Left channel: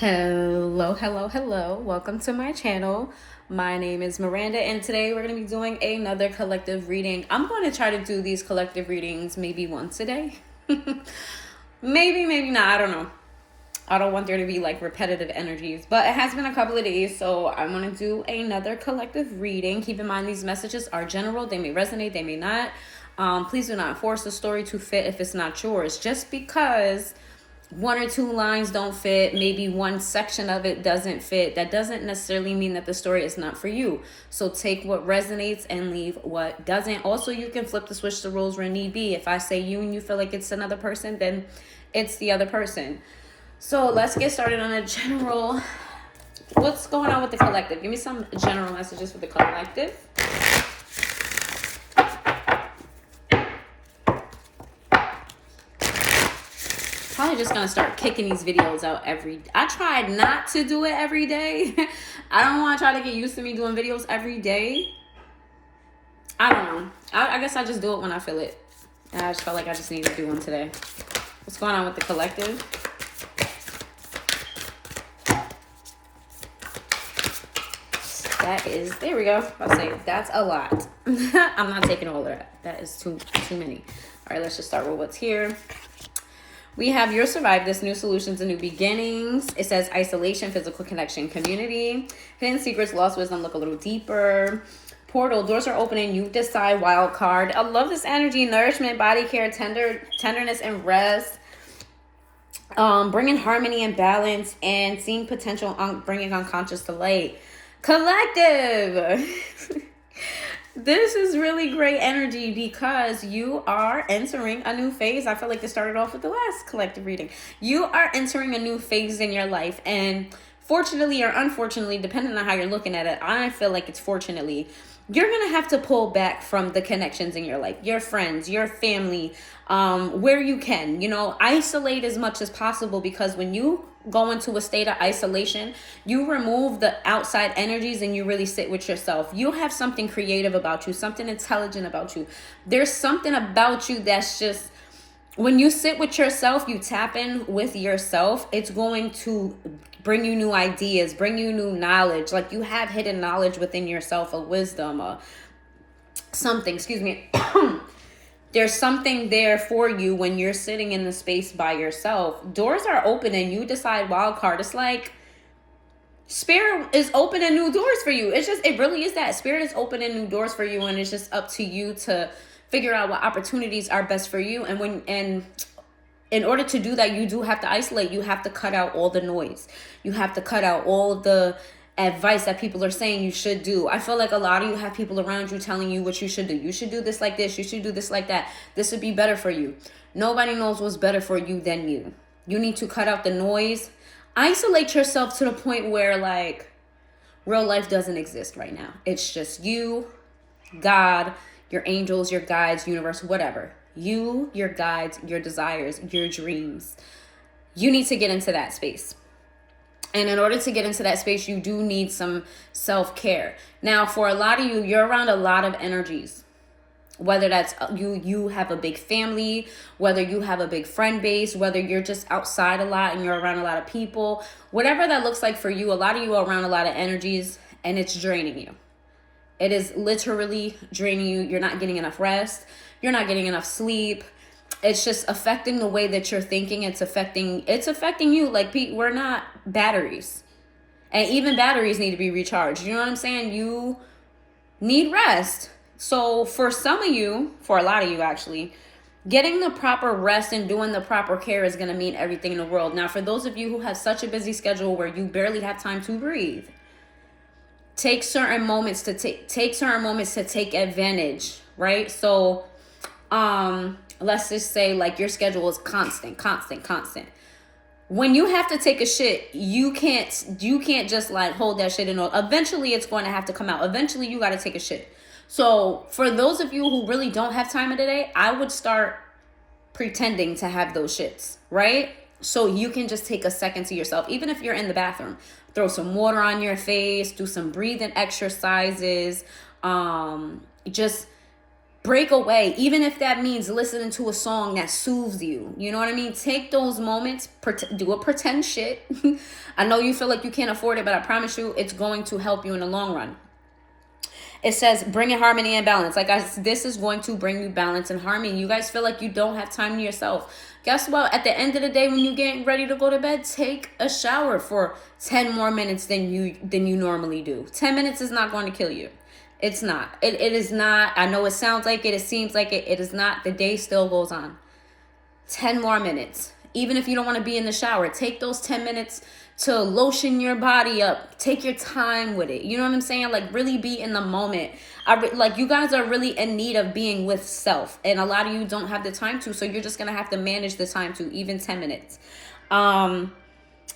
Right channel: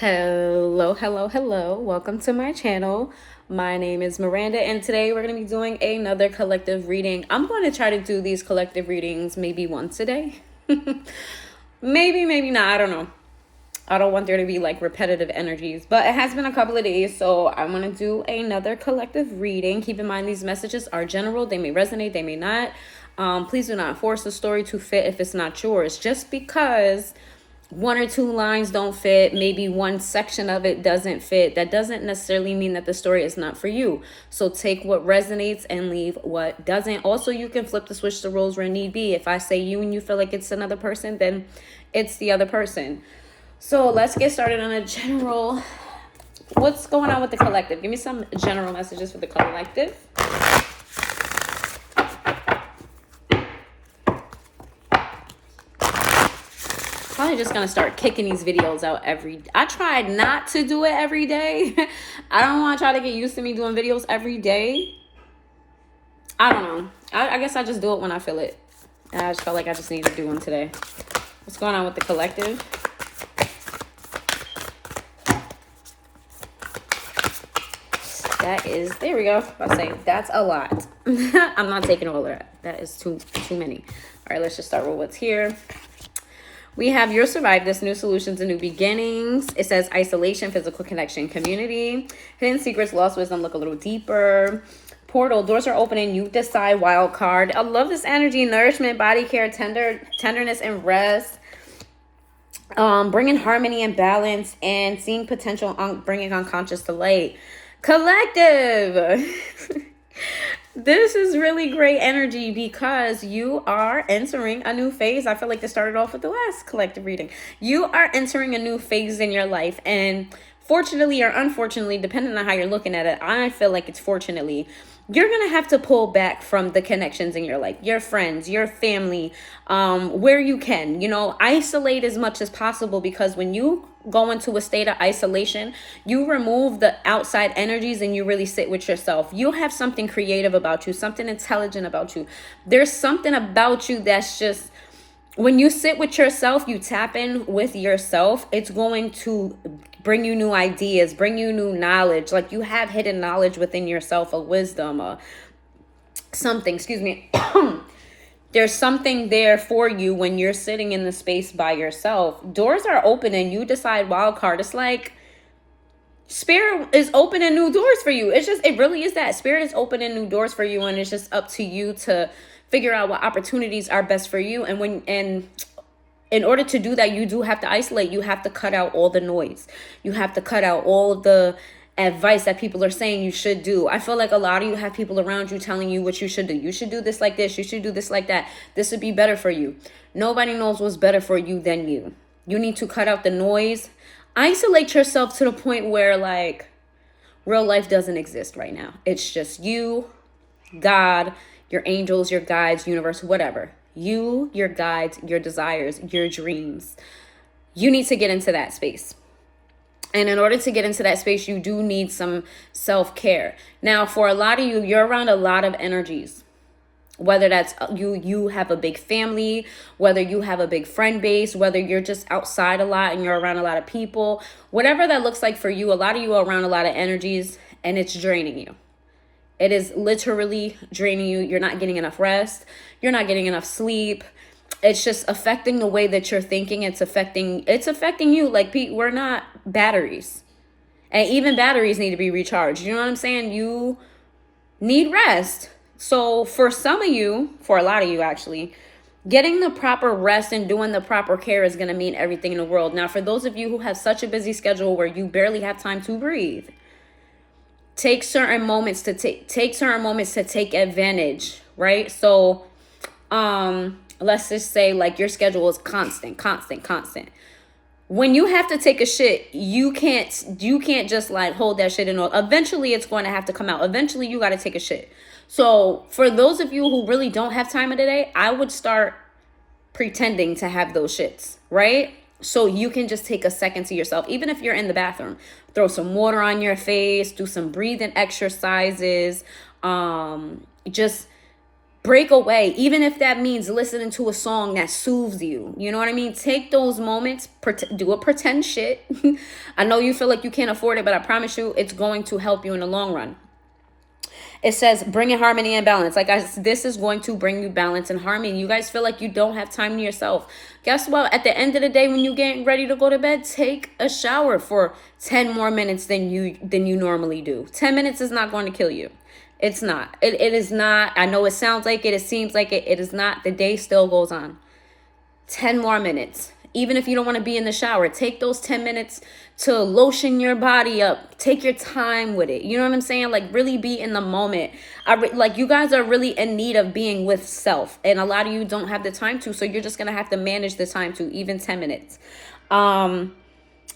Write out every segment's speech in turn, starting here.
Hello. Welcome to my channel. My name is Miranda, and today we're going to be doing another collective reading. I'm going to try to do these collective readings maybe once a day. maybe not. I don't know. I don't want there to be like repetitive energies, but it has been a couple of days, so I'm going to do another collective reading. Keep in mind, these messages are general. They may resonate, they may not. Please do not force the story to fit if it's not yours. Just because one or two lines don't fit, maybe one section of it doesn't fit, that doesn't necessarily mean that the story is not for you. So take what resonates and leave what doesn't. Also, you can flip the switch the roles where need be. If I say you and you feel like it's another person, then it's the other person. So let's get started on a general. What's going on with the collective? Give me some general messages for the collective. Probably just gonna start kicking these videos out I tried not to do it every day. I don't want to try to get used to me doing videos every day. I don't know. I guess I just do it when I feel it. And I just felt like I just need to do one today. What's going on with the collective? That is, there we go. I'll say that's a lot. I'm not taking all of that. That is too many. All right, let's just start with what's here. We have you'll survive this, new solutions and new beginnings. It says isolation, physical connection, community, hidden secrets, lost wisdom, look a little deeper. Portal, doors are opening, you decide, wild card. I love this energy, nourishment, body care, tenderness and rest. Bringing harmony and balance and seeing potential, bringing unconscious to light. Collective. This is really great energy because you are entering a new phase. I feel like this started off with the last collective reading. You are entering a new phase in your life, and fortunately or unfortunately, depending on how you're looking at it, I feel like it's fortunately, you're going to have to pull back from the connections in your life, your friends, your family, where you can, isolate as much as possible, because when you go into a state of isolation, you remove the outside energies and you really sit with yourself. You have something creative about you, something intelligent about you. There's something about you that's just, when you sit with yourself, you tap in with yourself, it's going to bring you new ideas, bring you new knowledge. Like you have hidden knowledge within yourself, a wisdom, something, excuse me. There's something there for you when you're sitting in the space by yourself. Doors are open and you decide wild card. It's like Spirit is opening new doors for you. It really is that. Spirit is opening new doors for you, and it's just up to you to figure out what opportunities are best for you. And in order to do that, you do have to isolate. You have to cut out all the noise. You have to cut out all of the advice that people are saying you should do. I feel like a lot of you have people around you telling you what you should do. You should do this like this. You should do this like that. This would be better for you. Nobody knows what's better for you than you. You need to cut out the noise. Isolate yourself to the point where like real life doesn't exist right now. It's just you, God, your angels, your guides, universe, whatever. You, your guides, your desires, your dreams. You need to get into that space. And in order to get into that space, you do need some self-care. Now, for a lot of you, you're around a lot of energies. Whether that's you have a big family, whether you have a big friend base, whether you're just outside a lot and you're around a lot of people, whatever that looks like for you, a lot of you are around a lot of energies and it's draining you. It is literally draining you. You're not getting enough rest. You're not getting enough sleep. It's just affecting the way that you're thinking. It's affecting you. Like, we're not batteries. And even batteries need to be recharged. You know what I'm saying? You need rest. So for some of you, for a lot of you actually, getting the proper rest and doing the proper care is going to mean everything in the world. Now, for those of you who have such a busy schedule where you barely have time to breathe, take certain moments to take advantage, right? So, let's just say like your schedule is constant. When you have to take a shit, you can't just like hold that shit in. Eventually it's going to have to come out. Eventually you got to take a shit. So for those of you who really don't have time of the day, I would start pretending to have those shits, right? So you can just take a second to yourself. Even if you're in the bathroom, throw some water on your face, do some breathing exercises, just break away, even if that means listening to a song that soothes you. You know what I mean? Take those moments, do a pretend shit. I know you feel like you can't afford it, but I promise you it's going to help you in the long run. It says bringing harmony and balance. Like this is going to bring you balance and harmony. You guys feel like you don't have time to yourself. Guess what? At the end of the day, when you get ready to go to bed, take a shower for 10 more minutes than you normally do. 10 minutes is not going to kill you. It's not. It is not. I know it sounds like it. It seems like it. It is not. The day still goes on. 10 more minutes. Even if you don't want to be in the shower, take those 10 minutes to lotion your body up. Take your time with it. You know what I'm saying? Like really be in the moment. Like you guys are really in need of being with self. And a lot of you don't have the time to. So you're just going to have to manage the time to, even 10 minutes.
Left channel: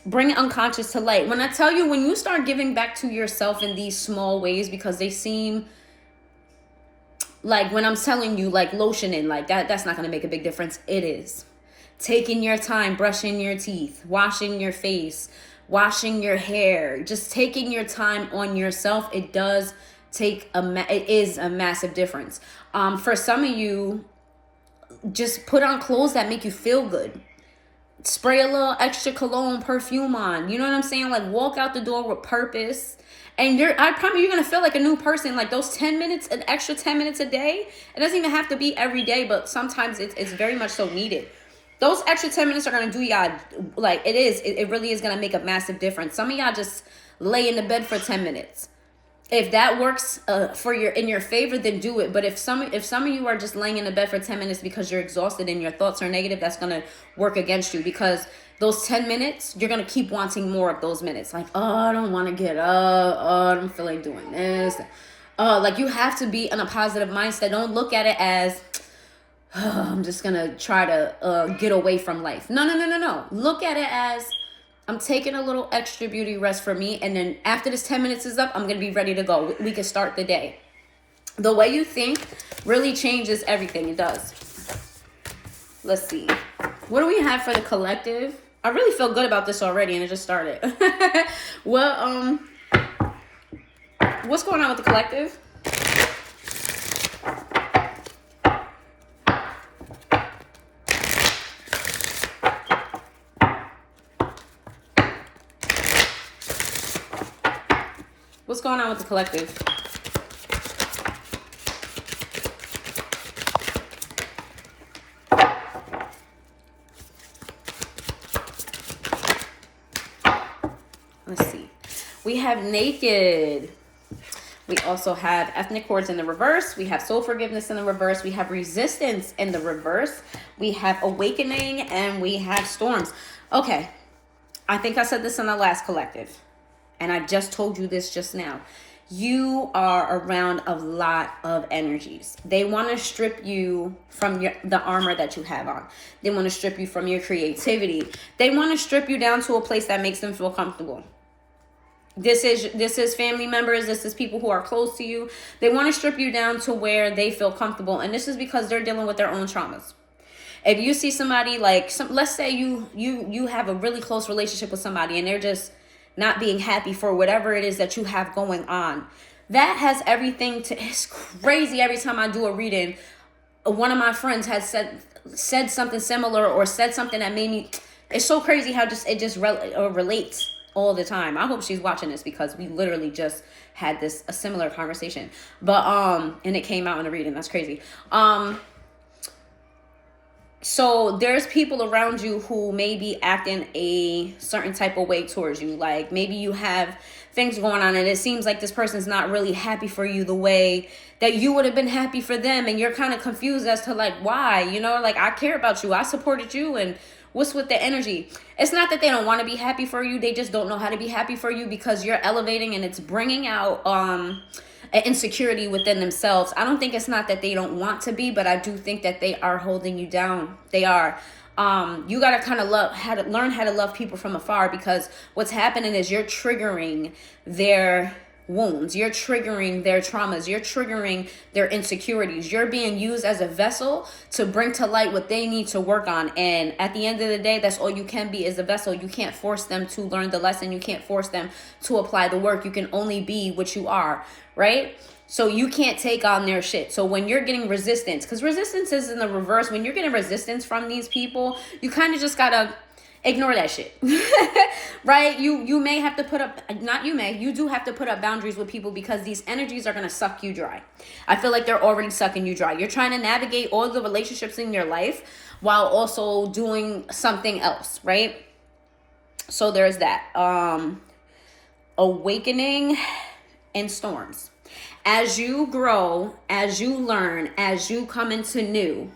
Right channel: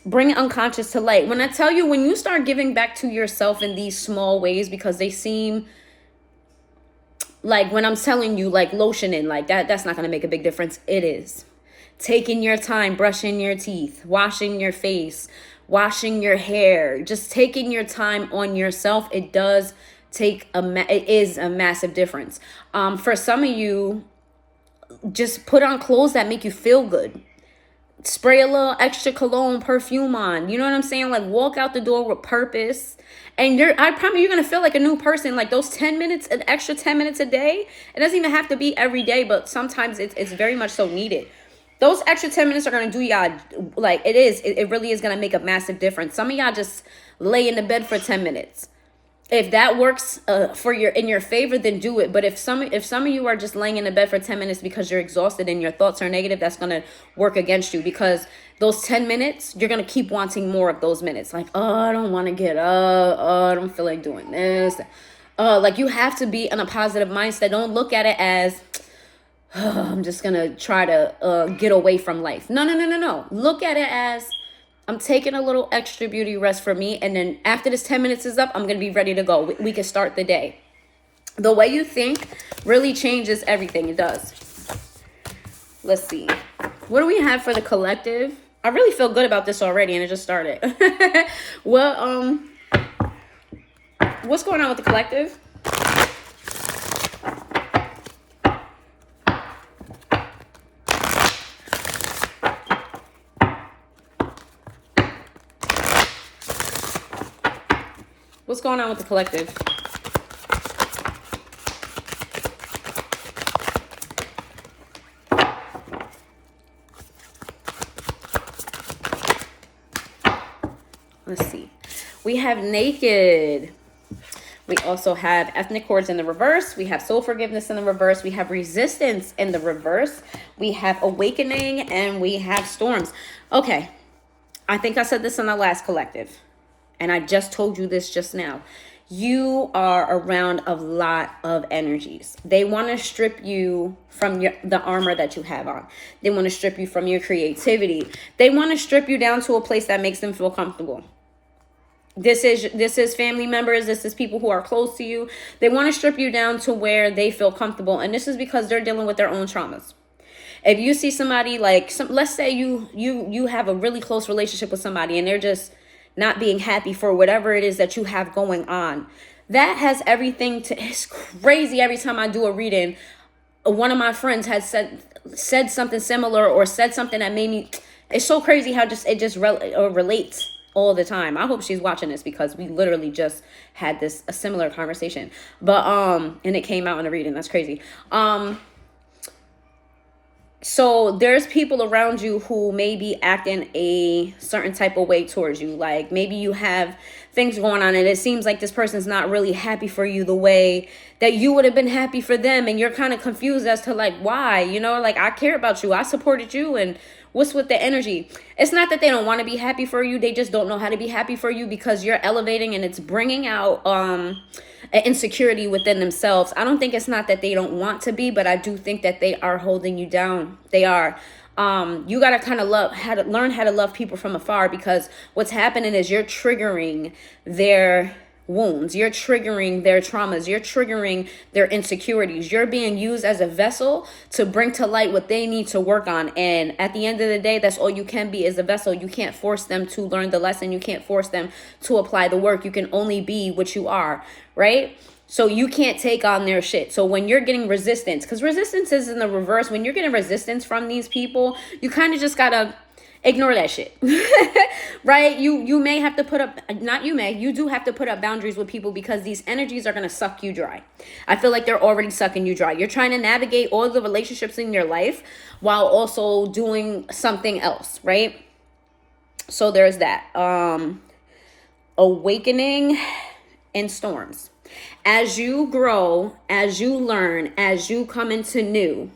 Bring unconscious to light. When I tell you, when you start giving back to yourself in these small ways, because they seem like, when I'm telling you like lotioning, like that's not going to make a big difference. It is. Taking your time, brushing your teeth, washing your face, washing your hair, just taking your time on yourself. It does take it is a massive difference. For some of you, just put on clothes that make you feel good. Spray a little extra cologne, perfume on. You know what I'm saying? Like walk out the door with purpose. And I promise you're going to feel like a new person. Like those 10 minutes, an extra 10 minutes a day. It doesn't even have to be every day, but sometimes it's very much so needed. Those extra 10 minutes are going to do y'all, like it really is going to make a massive difference. Some of y'all just lay in the bed for 10 minutes. If that works in your favor, then do it. But if some of you are just laying in the bed for 10 minutes because you're exhausted and your thoughts are negative, that's going to work against you, because those 10 minutes, you're going to keep wanting more of those minutes. Like, oh, I don't want to get up. Oh, I don't feel like doing this. Like you have to be in a positive mindset. Don't look at it as, I'm just going to try to get away from life. No. Look at it as, I'm taking a little extra beauty rest for me. And then after this 10 minutes is up, I'm going to be ready to go. We can start the day. The way you think really changes everything. It does. Let's see. What do we have for the collective? I really feel good about this already, and it just started. Well, what's going on with the collective? What's going on with the collective? Let's see. We have naked. We also have ethnic chords in the reverse. We have soul forgiveness in the reverse. We have resistance in the reverse. We have awakening, and we have storms. Okay. I think I said this in the last collective, and I just told you this just now. You are around a lot of energies. They want to strip you from the armor that you have on. They want to strip you from your creativity. They want to strip you down to a place that makes them feel comfortable. This is family members. This is people who are close to you. They want to strip you down to where they feel comfortable. And this is because they're dealing with their own traumas. If you see somebody like, let's say you have a really close relationship with somebody and they're just not being happy for whatever it is that you have going on. That has everything to, it's crazy. Every time I do a reading, one of my friends has said something similar or said something that made me, it's so crazy how it just relates all the time. I hope she's watching this, because we literally just had a similar conversation, but and it came out in a reading. That's crazy. So there's people around you who may be acting a certain type of way towards you. Like maybe you have things going on and it seems like this person's not really happy for you the way that you would have been happy for them, and you're kind of confused as to like why. You know, like I care about you, I supported you, and what's with the energy? It's not that they don't want to be happy for you, they just don't know how to be happy for you, because you're elevating and it's bringing out an insecurity within themselves. I don't think it's not that they don't want to be, but I do think that they are holding you down. They are. You got to kind of learn how to love people from afar, because what's happening is you're triggering their wounds. You're triggering their traumas. You're triggering their insecurities. You're being used as a vessel to bring to light what they need to work on. And at the end of the day, that's all you can be, is a vessel. You can't force them to learn the lesson. You can't force them to apply the work. You can only be what you are, right? So you can't take on their shit. So when you're getting resistance, because resistance is in the reverse, when you're getting resistance from these people, you kind of just gotta ignore that shit. Right? You may have to put up, you do have to put up boundaries with people, because these energies are going to suck you dry. I feel like they're already sucking you dry. You're trying to navigate all the relationships in your life while also doing something else, right? So there's that. Awakening in storms. As you grow, as you learn, as you come into new,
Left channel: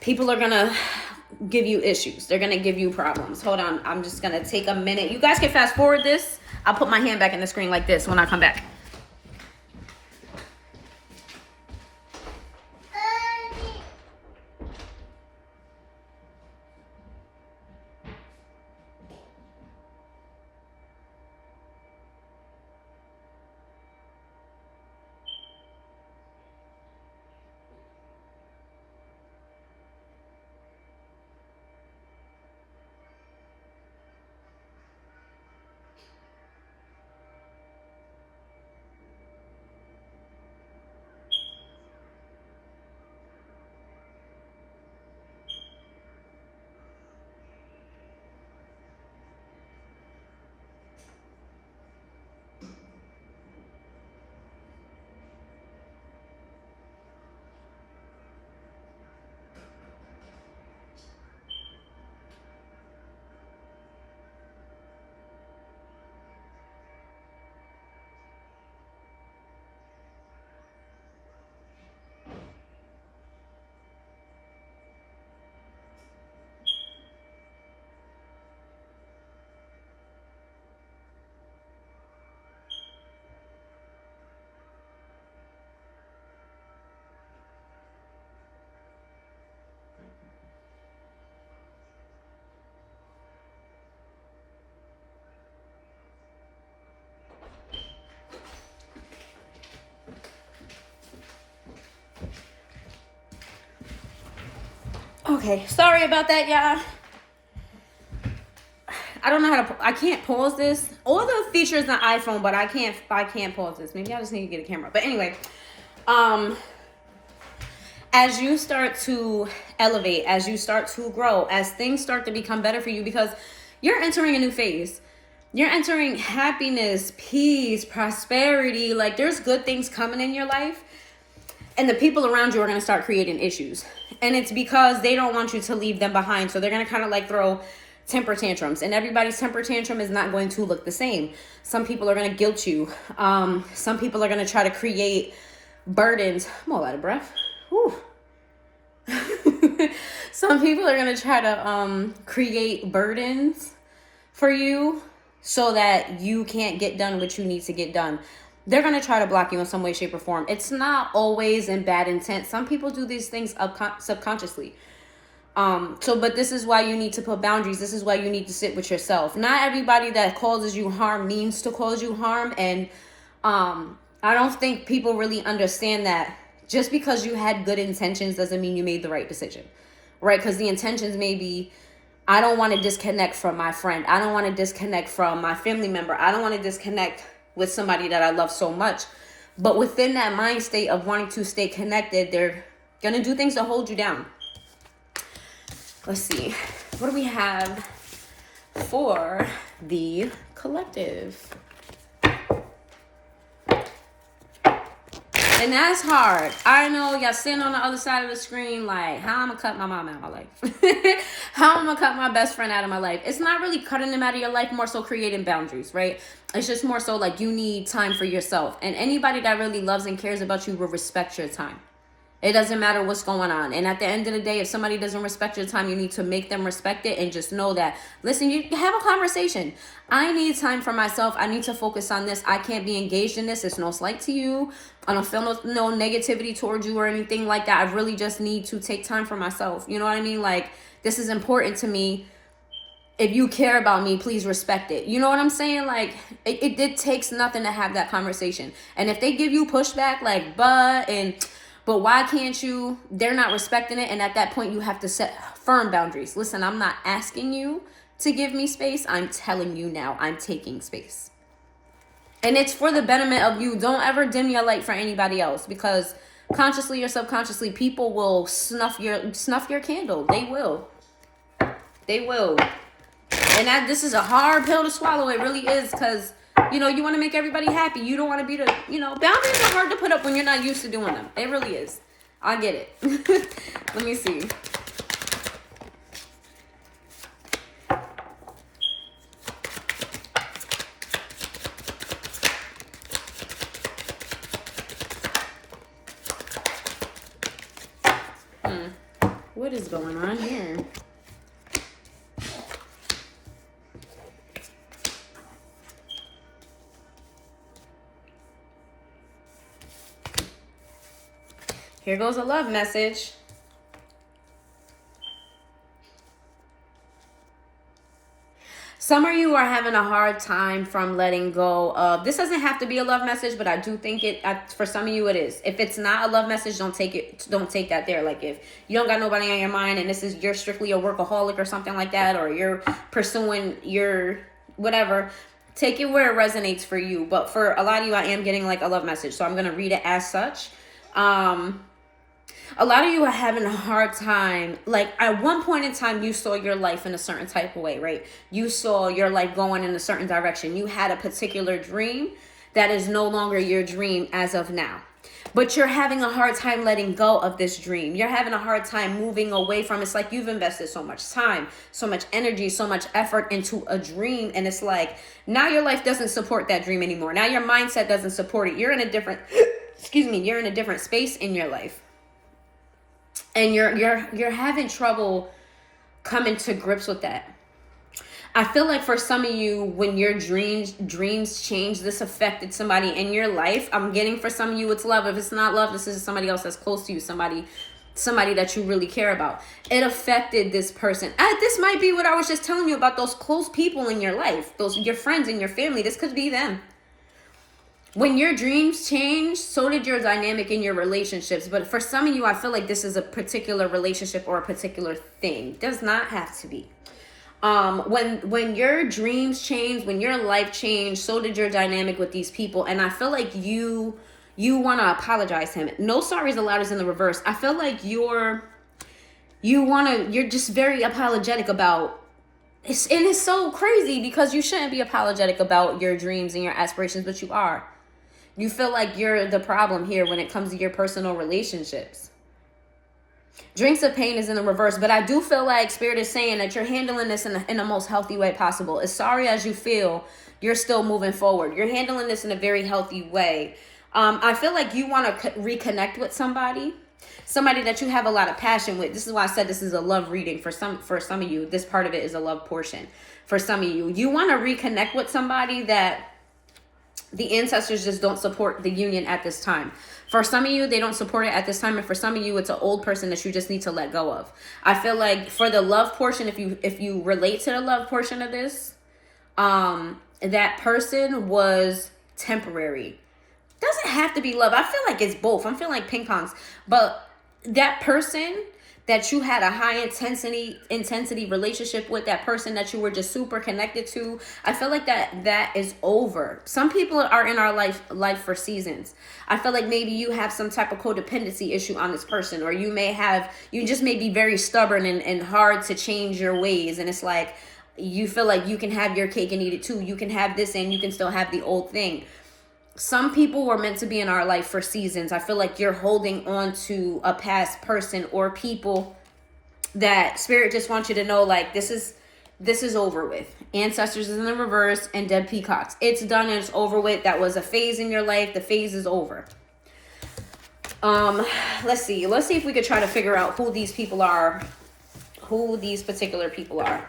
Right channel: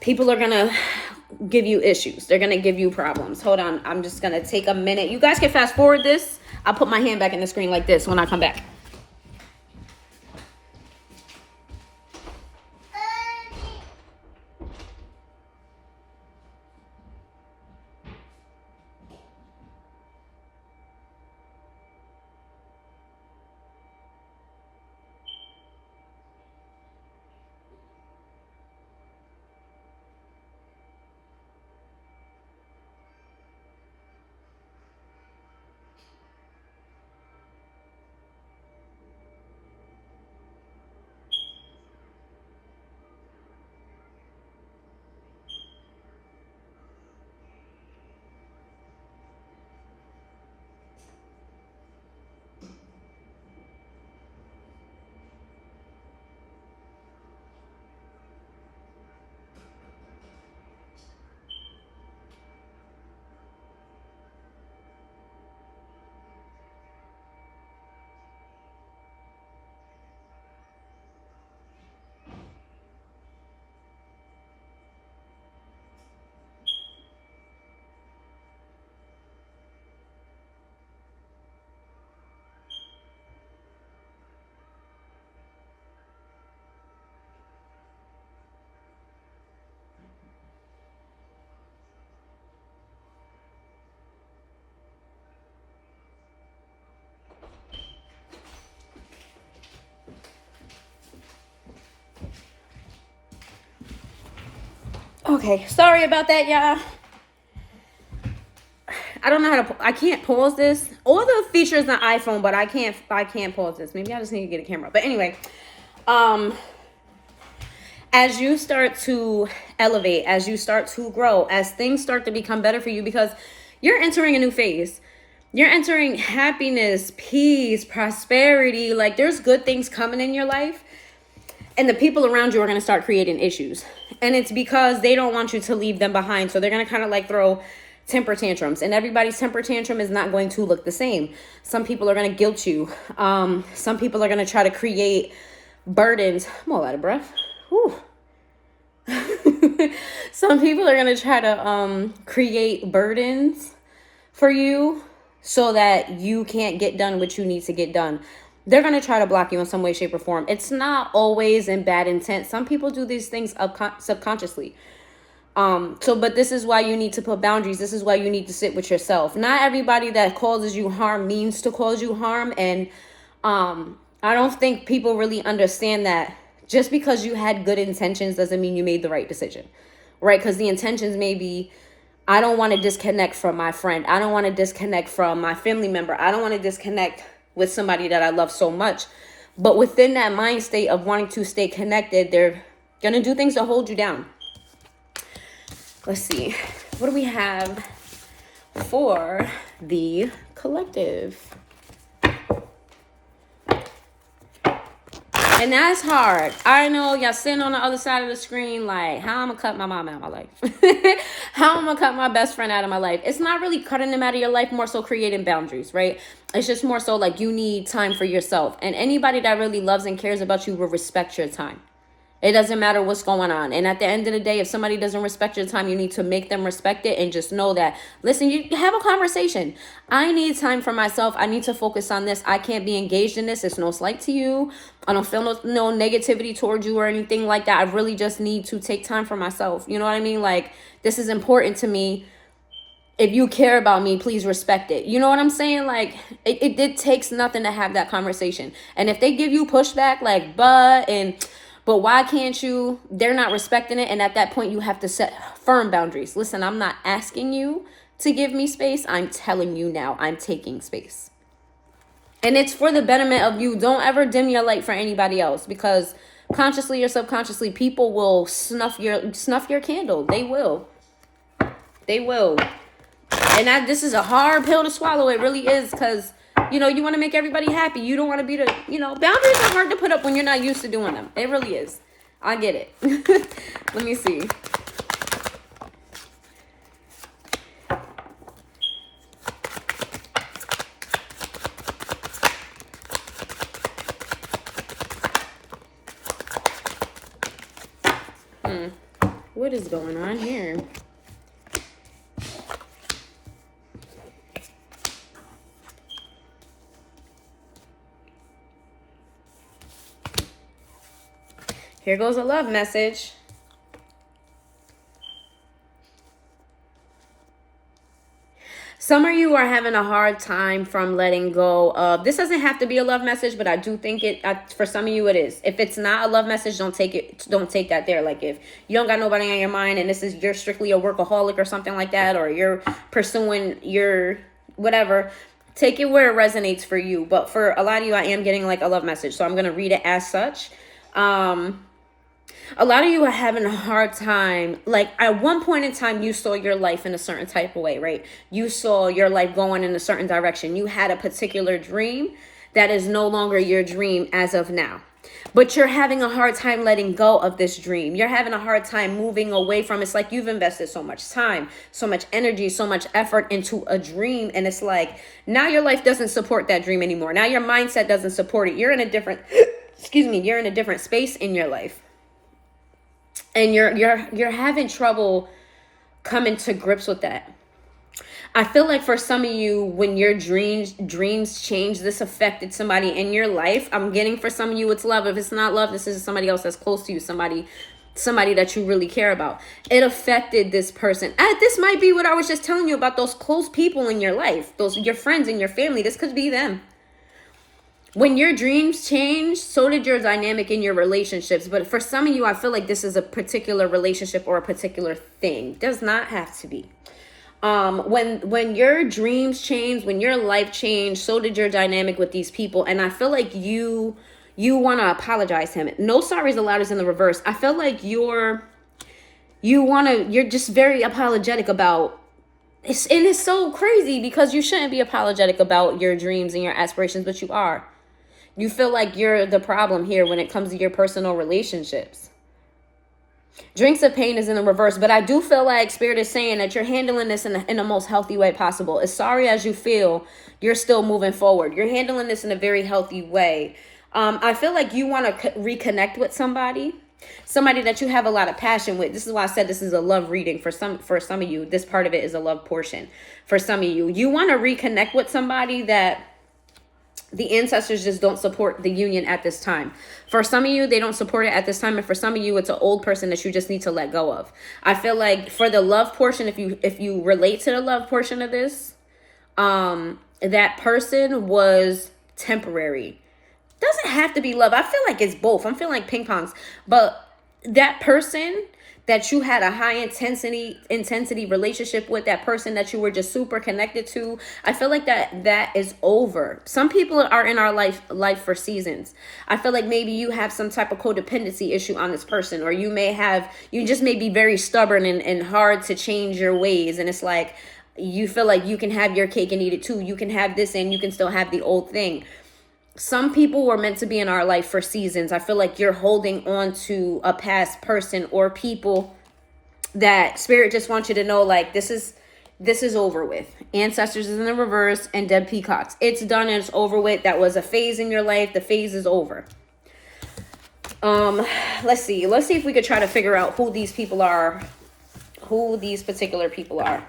people are going to give you issues. They're going to give you problems. Hold on. I'm just going to take a minute. You guys can fast forward this. I'll put my hand back in the screen like this when I come back. Okay, sorry about that, y'all. I don't know how to, I can't pause this. All the features on iPhone, but I can't pause this. Maybe I just need to get a camera. But anyway, as you start to elevate, as you start to grow, as things start to become better for you, because you're entering a new phase. You're entering happiness, peace, prosperity. Like, there's good things coming in your life. And the people around you are going to start creating issues. And it's because they don't want you to leave them behind. So they're going to kind of like throw temper tantrums. And everybody's temper tantrum is not going to look the same. Some people are going to guilt you. Some people are going to try to create burdens. I'm all out of breath. Whew. Some people are going to try to create burdens for you so that you can't get done what you need to get done. They're going to try to block you in some way, shape, or form. It's not always in bad intent. Some people do these things subconsciously. But this is why you need to put boundaries. This is why you need to sit with yourself. Not everybody that causes you harm means to cause you harm. And I don't think people really understand that just because you had good intentions doesn't mean you made the right decision, right? Because the intentions may be, I don't want to disconnect from my friend. I don't want to disconnect from my family member. I don't want to disconnect with somebody that I love so much. But within that mind state of wanting to stay connected, they're going to do things to hold you down. Let's see. What do we have for the collective? And that's hard. I know y'all sitting on the other side of the screen like, how I'm going to cut my mom out of my life? How I'm going to cut my best friend out of my life? It's not really cutting them out of your life, more so creating boundaries, right? It's just more so like you need time for yourself. And anybody that really loves and cares about you will respect your time. It doesn't matter what's going on. And at the end of the day, if somebody doesn't respect your time, you need to make them respect it and just know that, listen, you have a conversation. I need time for myself. I need to focus on this. I can't be engaged in this. It's no slight to you. I don't feel no negativity towards you or anything like that. I really just need to take time for myself. You know what I mean? Like, this is important to me. if you care about me, please respect it. You know what I'm saying? Like, it takes nothing to have that conversation. And if they give you pushback, like, but why can't you? They're not respecting it. And at that point, you have to set firm boundaries. Listen, I'm not asking you to give me space. I'm telling you now, I'm taking space. And it's for the betterment of you. Don't ever dim your light for anybody else, because consciously or subconsciously, people will snuff your candle. They will. They will. And this is a hard pill to swallow. It really is, because, you want to make everybody happy. You don't want to be boundaries are hard to put up when you're not used to doing them. It really is. I get it. Let me see. What is going on here? Here goes a love message. Some of you are having a hard time from letting go of, this doesn't have to be a love message, but I do think for some of you it is. If it's not a love message, don't take that there. Like, if you don't got nobody on your mind and you're strictly a workaholic or something like that, or you're pursuing your whatever, take it where it resonates for you. But for a lot of you, I am getting like a love message, so I'm going to read it as such. A lot of you are having a hard time. Like, at one point in time, you saw your life in a certain type of way, right? You saw your life going in a certain direction. You had a particular dream that is no longer your dream as of now. But you're having a hard time letting go of this dream. You're having a hard time moving away from it. It's like you've invested so much time, so much energy, so much effort into a dream. And it's like, now your life doesn't support that dream anymore. Now your mindset doesn't support it. You're in a different, you're in a different space in your life. And you're having trouble coming to grips with that. I feel like for some of you, when your dreams change, this affected somebody in your life. I'm getting for some of you, it's love. If it's not love, this is somebody else that's close to you, somebody that you really care about. It affected this person. This might be what I was just telling you about, those close people in your life, your friends and your family. This could be them. When your dreams change, so did your dynamic in your relationships. But for some of you, I feel like this is a particular relationship or a particular thing. Does not have to be. When your dreams change, when your life changed, so did your dynamic with these people. And I feel like you want to apologize to him. No sorries allowed is in the reverse. I feel like you're just very apologetic about. And it's so crazy, because you shouldn't be apologetic about your dreams and your aspirations, but you are. You feel like you're the problem here when it comes to your personal relationships. Drinks of pain is in the reverse, but I do feel like Spirit is saying that you're handling this in the most healthy way possible. As sorry as you feel, you're still moving forward. You're handling this in a very healthy way. I feel like you want to reconnect with somebody that you have a lot of passion with. This is why I said this is a love reading for some of you. This part of it is a love portion. For some of you, you want to reconnect with somebody that the ancestors just don't support the union at this time. For some of you, they don't support it at this time. And for some of you, it's an old person that you just need to let go of. I feel like for the love portion, if you relate to the love portion of this, that person was temporary. Doesn't have to be love. I feel like it's both. I'm feeling like ping pongs. But that person that you had a high intensity relationship with, that person that you were just super connected to, I feel like that is over. Some people are in our life for seasons. I feel like maybe you have some type of codependency issue on this person, or you just may be very stubborn and hard to change your ways. And it's like, you feel like you can have your cake and eat it too. You can have this and you can still have the old thing. Some people were meant to be in our life for seasons. I feel like you're holding on to a past person or people that Spirit just wants you to know, like, this is over with. Ancestors is in the reverse and dead peacocks. It's done and it's over with. That was a phase in your life. The phase is over. Let's see if we could try to figure out who these particular people are.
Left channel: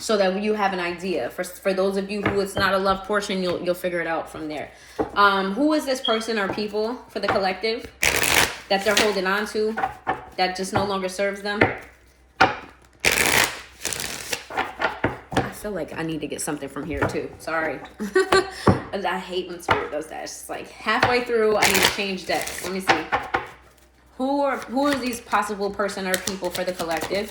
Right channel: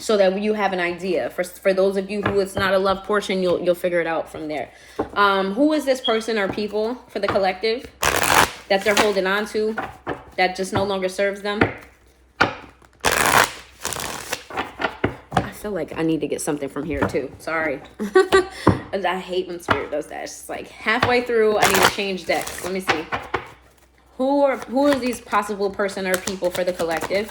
So that you have an idea. For those of you who it's not a love portion, you'll figure it out from there. Who is this person or people for the collective that they're holding on to that just no longer serves them? feel like I need to get something from here too. Sorry. I hate when spirit does that. It's just like halfway through, I need to change decks. Let me see. Who are these possible person or people for the collective?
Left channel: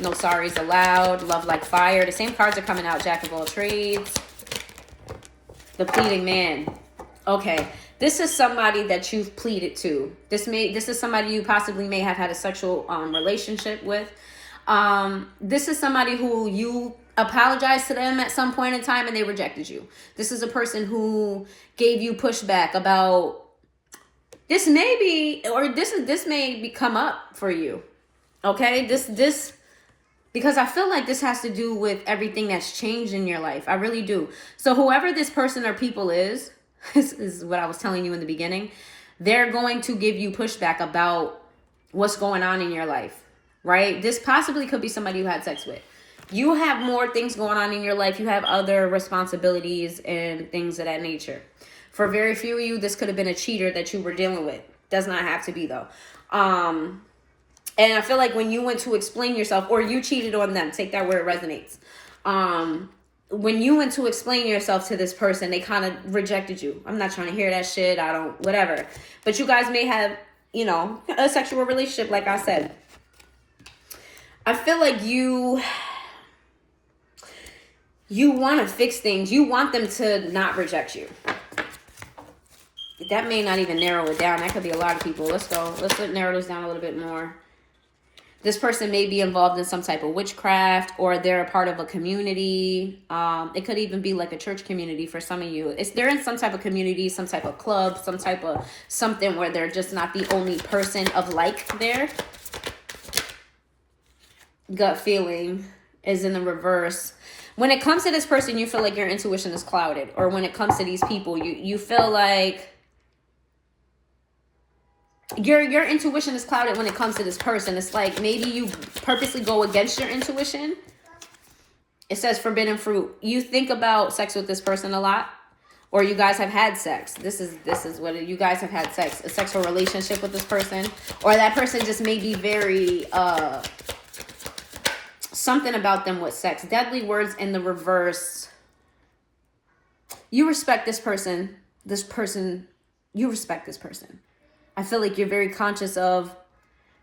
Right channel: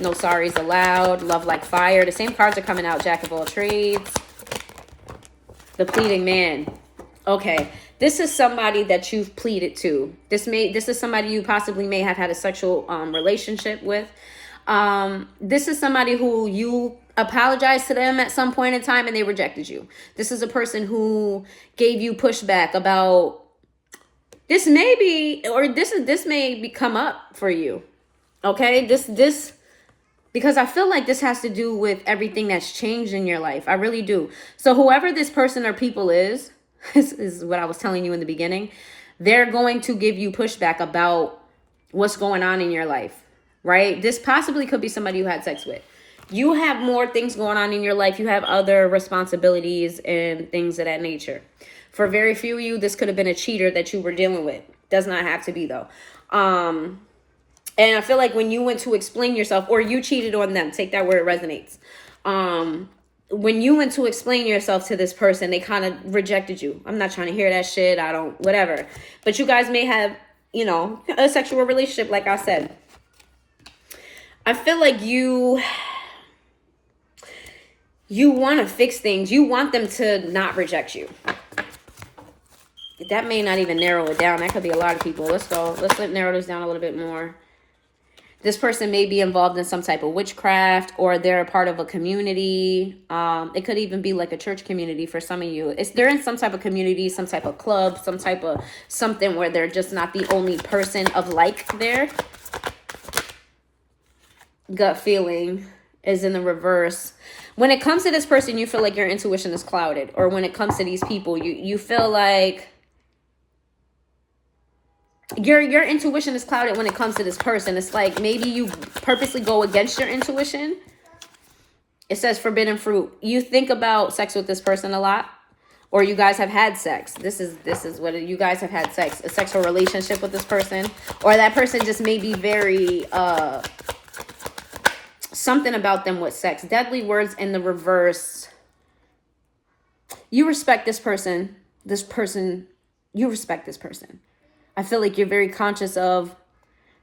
No sorries allowed. Love like fire. The same cards are coming out. Jack of all trades. The pleading man. Okay. This is somebody that you've pleaded to. This is somebody you possibly may have had a sexual relationship with. This is somebody who you apologized to them at some point in time and they rejected you. This is a person who gave you pushback about this may come up for you. Okay? This because I feel like this has to do with everything that's changed in your life. I really do. So whoever this person or people is, this is what I was telling you in the beginning. They're going to give you pushback about what's going on in your life, right? This possibly could be somebody you had sex with. You have more things going on in your life. You have other responsibilities and things of that nature. For very few of you, this could have been a cheater that you were dealing with. Does not have to be though. And I feel like when you went to explain yourself, or you cheated on them, take that where it resonates. When you went to explain yourself to this person, they kind of rejected you. I'm not trying to hear that shit. I don't, whatever. But you guys may have, a sexual relationship, like I said. I feel like you want to fix things. You want them to not reject you. That may not even narrow it down. That could be a lot of people. Let's go. Let's narrow this down a little bit more. This person may be involved in some type of witchcraft, or they're a part of a community. It could even be like a church community for some of you. They're in some type of community, some type of club, some type of something where they're just not the only person of like there. Gut feeling is in the reverse. When it comes to this person, you feel like your intuition is clouded. Or when it comes to these people, you feel like your intuition is clouded when it comes to this person. It's like maybe you purposely go against your intuition. It says forbidden fruit. You think about sex with this person a lot, or you guys have had sex. This is what you guys have had sex, a sexual relationship with this person, or that person just may be very something about them with sex. Deadly words in the reverse. You respect this person. You respect this person. I feel like you're very conscious of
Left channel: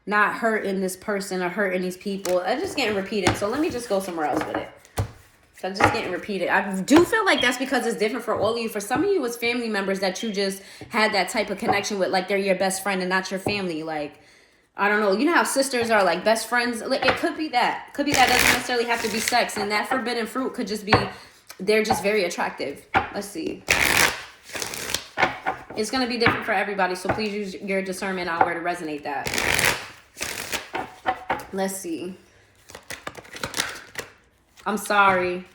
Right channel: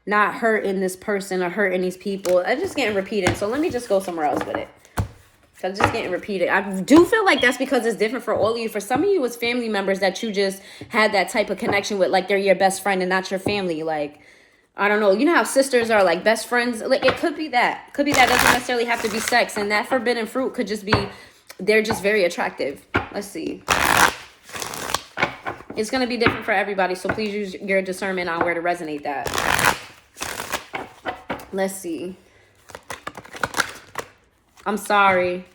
not hurting this person or hurting these people. I'm just getting repeated. So let me just go somewhere else with it. I'm just getting repeated. I do feel like that's because it's different for all of you. For some of you, it's family members that you just had that type of connection with. Like they're your best friend and not your family. Like, I don't know. You know how sisters are like best friends? Like it could be that. Could be that. Doesn't necessarily have to be sex. And that forbidden fruit could just be, they're just very attractive. Let's see. It's going to be different for everybody, so please use your discernment on where to resonate that. Let's see. I'm sorry.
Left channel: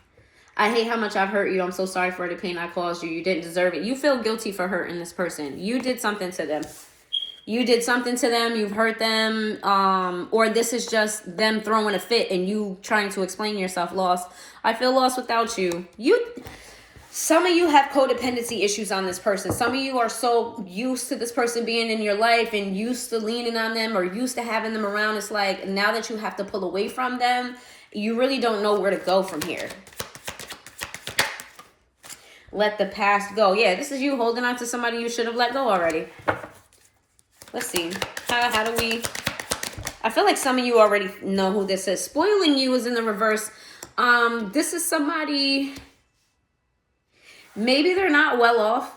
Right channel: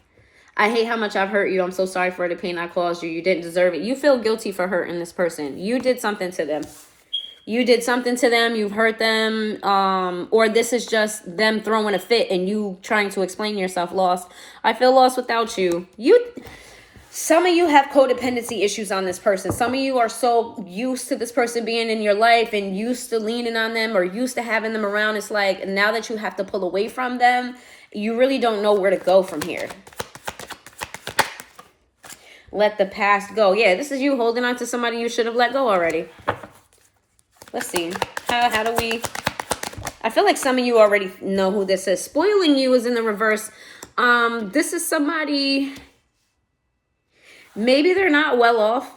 I hate how much I've hurt you. I'm so sorry for the pain I caused you. You didn't deserve it. You feel guilty for hurting this person. You did something to them. You've hurt them, or this is just them throwing a fit and you trying to explain yourself lost. I feel lost without you. Some of you have codependency issues on this person. Some of you are so used to this person being in your life and used to leaning on them or used to having them around. It's like now that you have to pull away from them, you really don't know where to go from here. Let the past go. Yeah, this is you holding on to somebody you should have let go already. Let's see. How do we... I feel like some of you already know who this is. Spoiling you is in the reverse. This is somebody... Maybe they're not well off,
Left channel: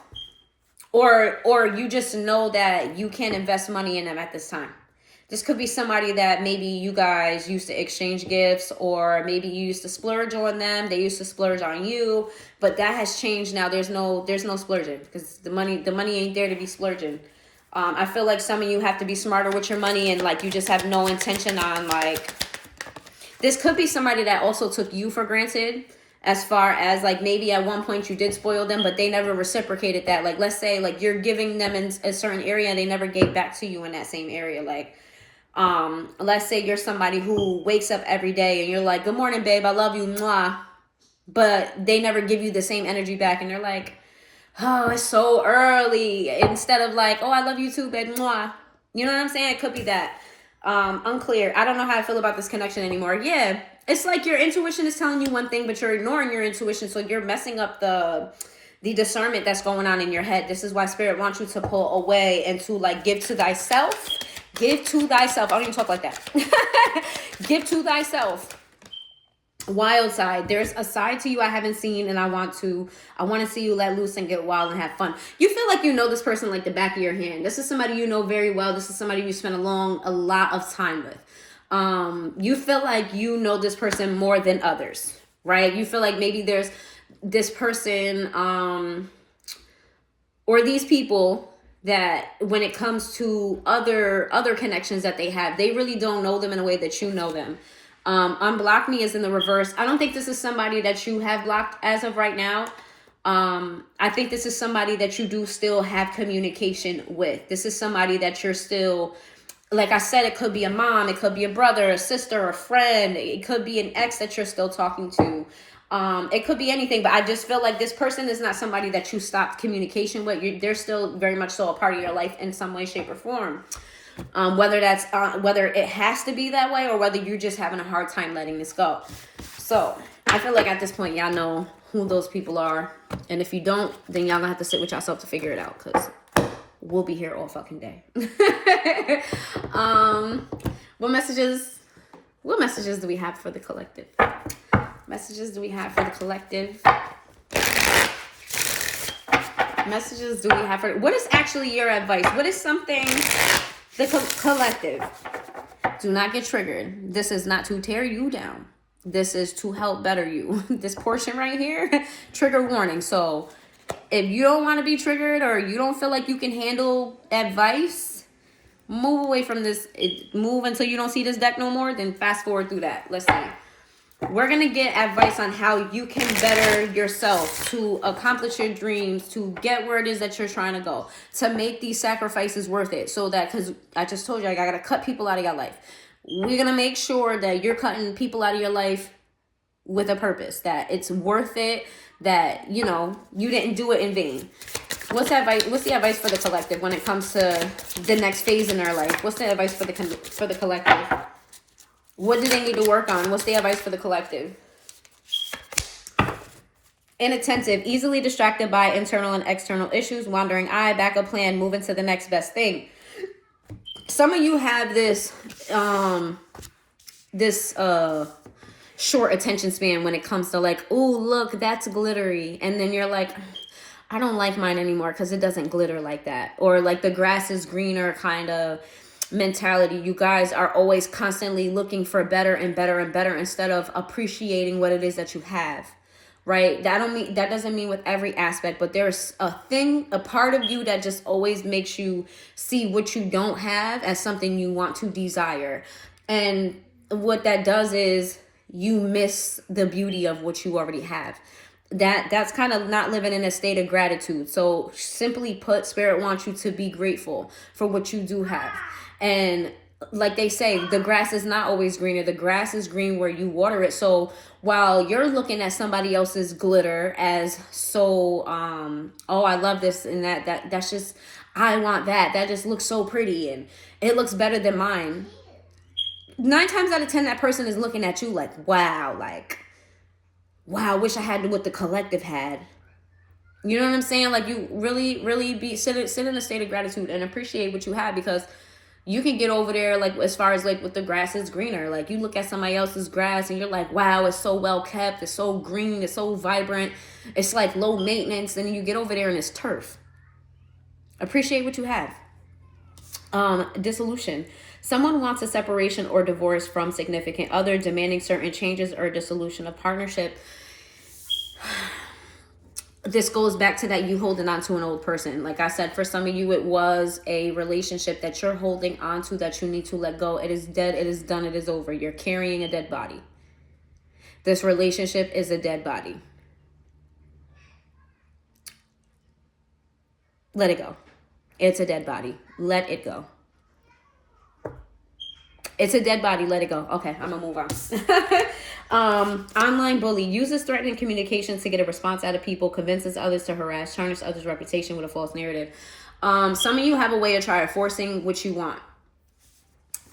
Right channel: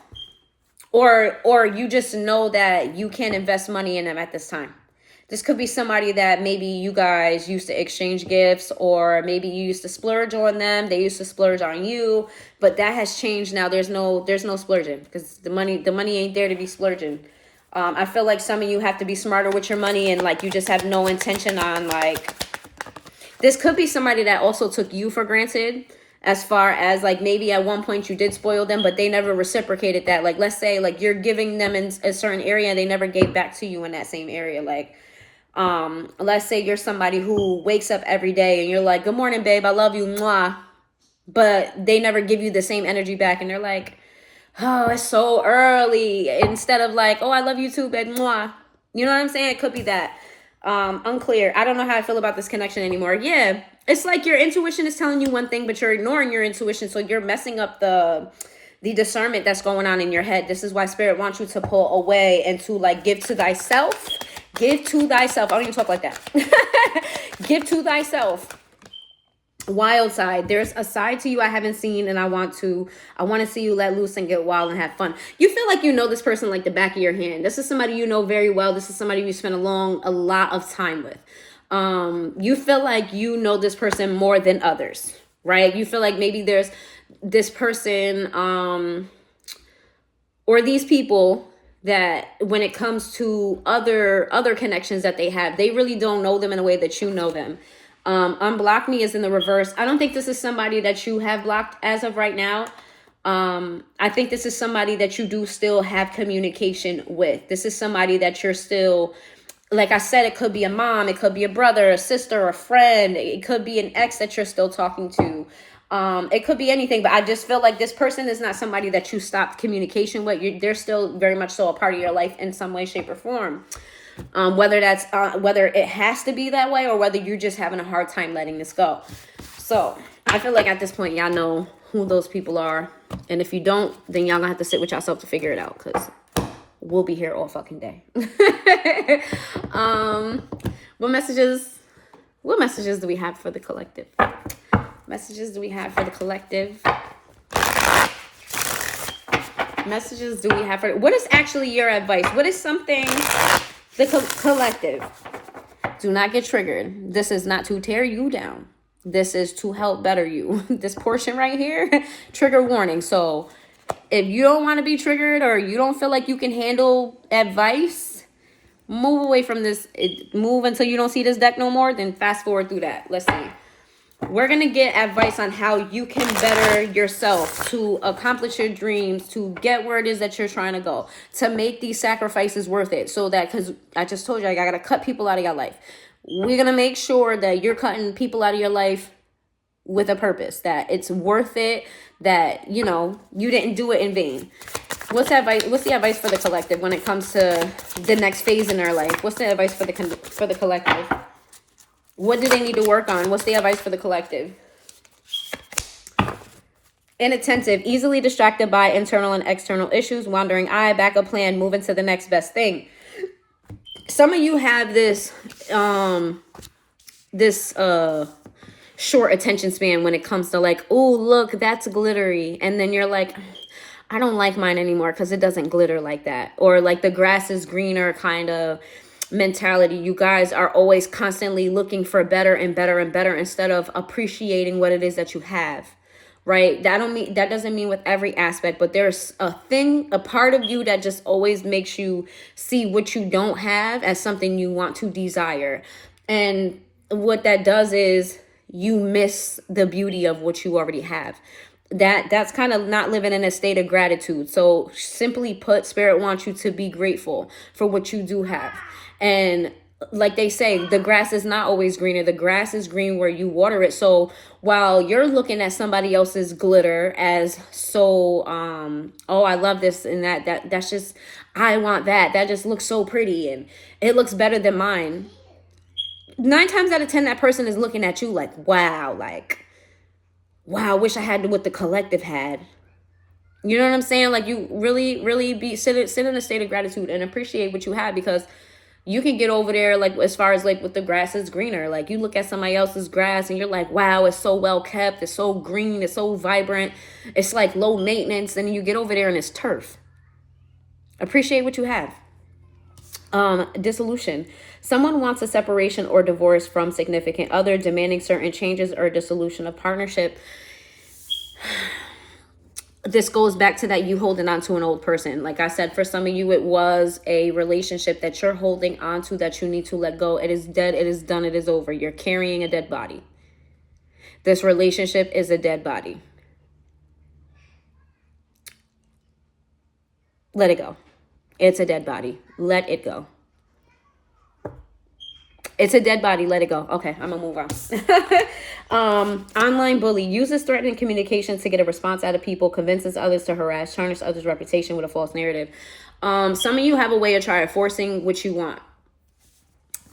or you just know that you can't invest money in them at this time. This could be somebody that maybe you guys used to exchange gifts, or maybe you used to splurge on them. They used to splurge on you, but that has changed now. There's no splurging because the money ain't there to be splurging. I feel like some of you have to be smarter with your money, and like you just have no intention on like. This could be somebody that also took you for granted. As far as like maybe at one point you did spoil them, but they never reciprocated that. Like let's say like you're giving them in a certain area and they never gave back to you in that same area. Like let's say you're somebody who wakes up every day and you're like, good morning, babe, I love you, mwah. But they never give you the same energy back and they're like, oh, it's so early. Instead of like, oh, I love you too, babe, mwah. You know what I'm saying? It could be that. Unclear. I don't know how I feel about this connection anymore. Yeah, it's like your intuition is telling you one thing, but you're ignoring your intuition, so you're messing up the discernment that's going on in your head. This is why Spirit wants you to pull away and to like give to thyself. Give to thyself. I don't even talk like that. Give to thyself. Wild side. There's a side to you I haven't seen, and I want to see you let loose and get wild and have fun. You feel like you know this person like the back of your hand. This is somebody you know very well. This is somebody you spend a lot of time with. You feel like you know this person more than others, right? You feel like maybe there's this person or these people that when it comes to other connections that they have, they really don't know them in a way that you know them. Unblock me is in the reverse. I don't think this is somebody that you have blocked as of right now. I think this is somebody that you do still have communication with. This is somebody that you're still, like I said, it could be a mom, it could be a brother, a sister, a friend, it could be an ex that you're still talking to. It could be anything, but I just feel like this person is not somebody that you stopped communication with. They're still very much so a part of your life in some way, shape, or form. Whether it has to be that way or whether you're just having a hard time letting this go. So I feel like at this point, y'all know who those people are. And if you don't, then y'all gonna have to sit with yourself to figure it out, because we'll be here all fucking day. What messages do we have for the collective? Messages do we have for the collective? Messages do we have for, what is actually your advice? What is something, the collective, do not get triggered. This is not to tear you down. This is to help better you. This portion right here, trigger warning. So if you don't want to be triggered or you don't feel like you can handle advice, move away from this. Move until you don't see this deck no more. Then fast forward through that. Let's see. We're going to get advice on how you can better yourself to accomplish your dreams, to get where it is that you're trying to go, to make these sacrifices worth it. So that, because I just told you, I got to cut people out of your life. We're going to make sure that you're cutting people out of your life with a purpose, that it's worth it, that, you know, you didn't do it in vain. What's the advice for the collective when it comes to the next phase in their life? What's the advice for the collective? What do they need to work on? What's the advice for the collective? Inattentive, easily distracted by internal and external issues, wandering eye, backup plan, moving to the next best thing. Some of you have this short attention span when it comes to like, oh, look, that's glittery. And then you're like, I don't like mine anymore because it doesn't glitter like that. Or like the grass is greener kind of mentality. You guys are always constantly looking for better and better and better instead of appreciating what it is that you have, right? That doesn't mean with every aspect, but there's a part of you that just always makes you see what you don't have as something you want to desire. And what that does is you miss the beauty of what you already have. That's kind of not living in a state of gratitude. So simply put, Spirit wants you to be grateful for what you do have. And like they say, the grass is not always greener. The grass is green where you water it. So while you're looking at somebody else's glitter as so, oh, I love this and that's just, I want that. That just looks so pretty and it looks better than mine. 9 times out of 10, that person is looking at you like, wow, I wish I had what the collective had. You know what I'm saying? Like you really, really sit in a state of gratitude and appreciate what you have, because you can get over there, like, as far as, like, with the grass is greener. Like, you look at somebody else's grass and you're like, wow, it's so well kept. It's so green. It's so vibrant. It's, like, low maintenance. And you get over there and it's turf. Appreciate what you have. Dissolution. Someone wants a separation or divorce from significant other, demanding certain changes or dissolution of partnership. This goes back to that you holding on to an old person. Like I said, for some of you, it was a relationship that you're holding on to that you need to let go. It is dead. It is done. It is over. You're carrying a dead body. This relationship is a dead body. Let it go. It's a dead body. Let it go. It's a dead body. Let it go. Okay, I'm going to move on. Online bully uses threatening communication to get a response out of people, convinces others to harass, tarnish others' reputation with a false narrative. Some of you have a way of trying forcing what you want.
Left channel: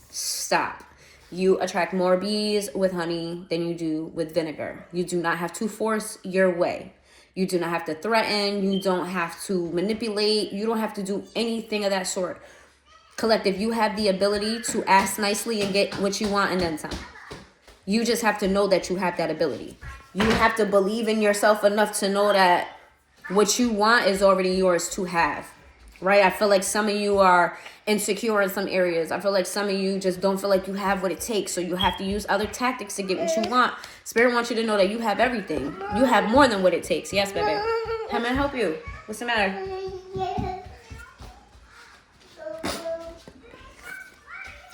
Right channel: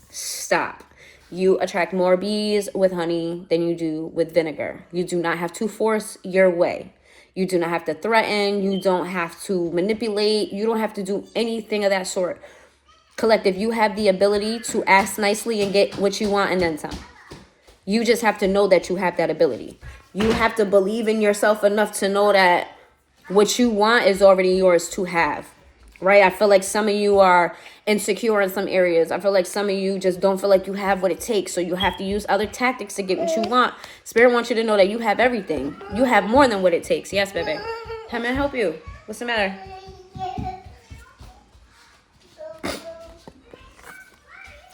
Stop. You attract more bees with honey than you do with vinegar. You do not have to force your way. You do not have to threaten. You don't have to manipulate. You don't have to do anything of that sort. Collective, you have the ability to ask nicely and get what you want and then some. You just have to know that you have that ability. You have to believe in yourself enough to know that what you want is already yours to have, right? I feel like some of you are insecure in some areas. I feel like some of you just don't feel like you have what it takes. So you have to use other tactics to get what you want. Spirit wants you to know that you have everything. You have more than what it takes. Yes, baby. How may I help you? What's the matter?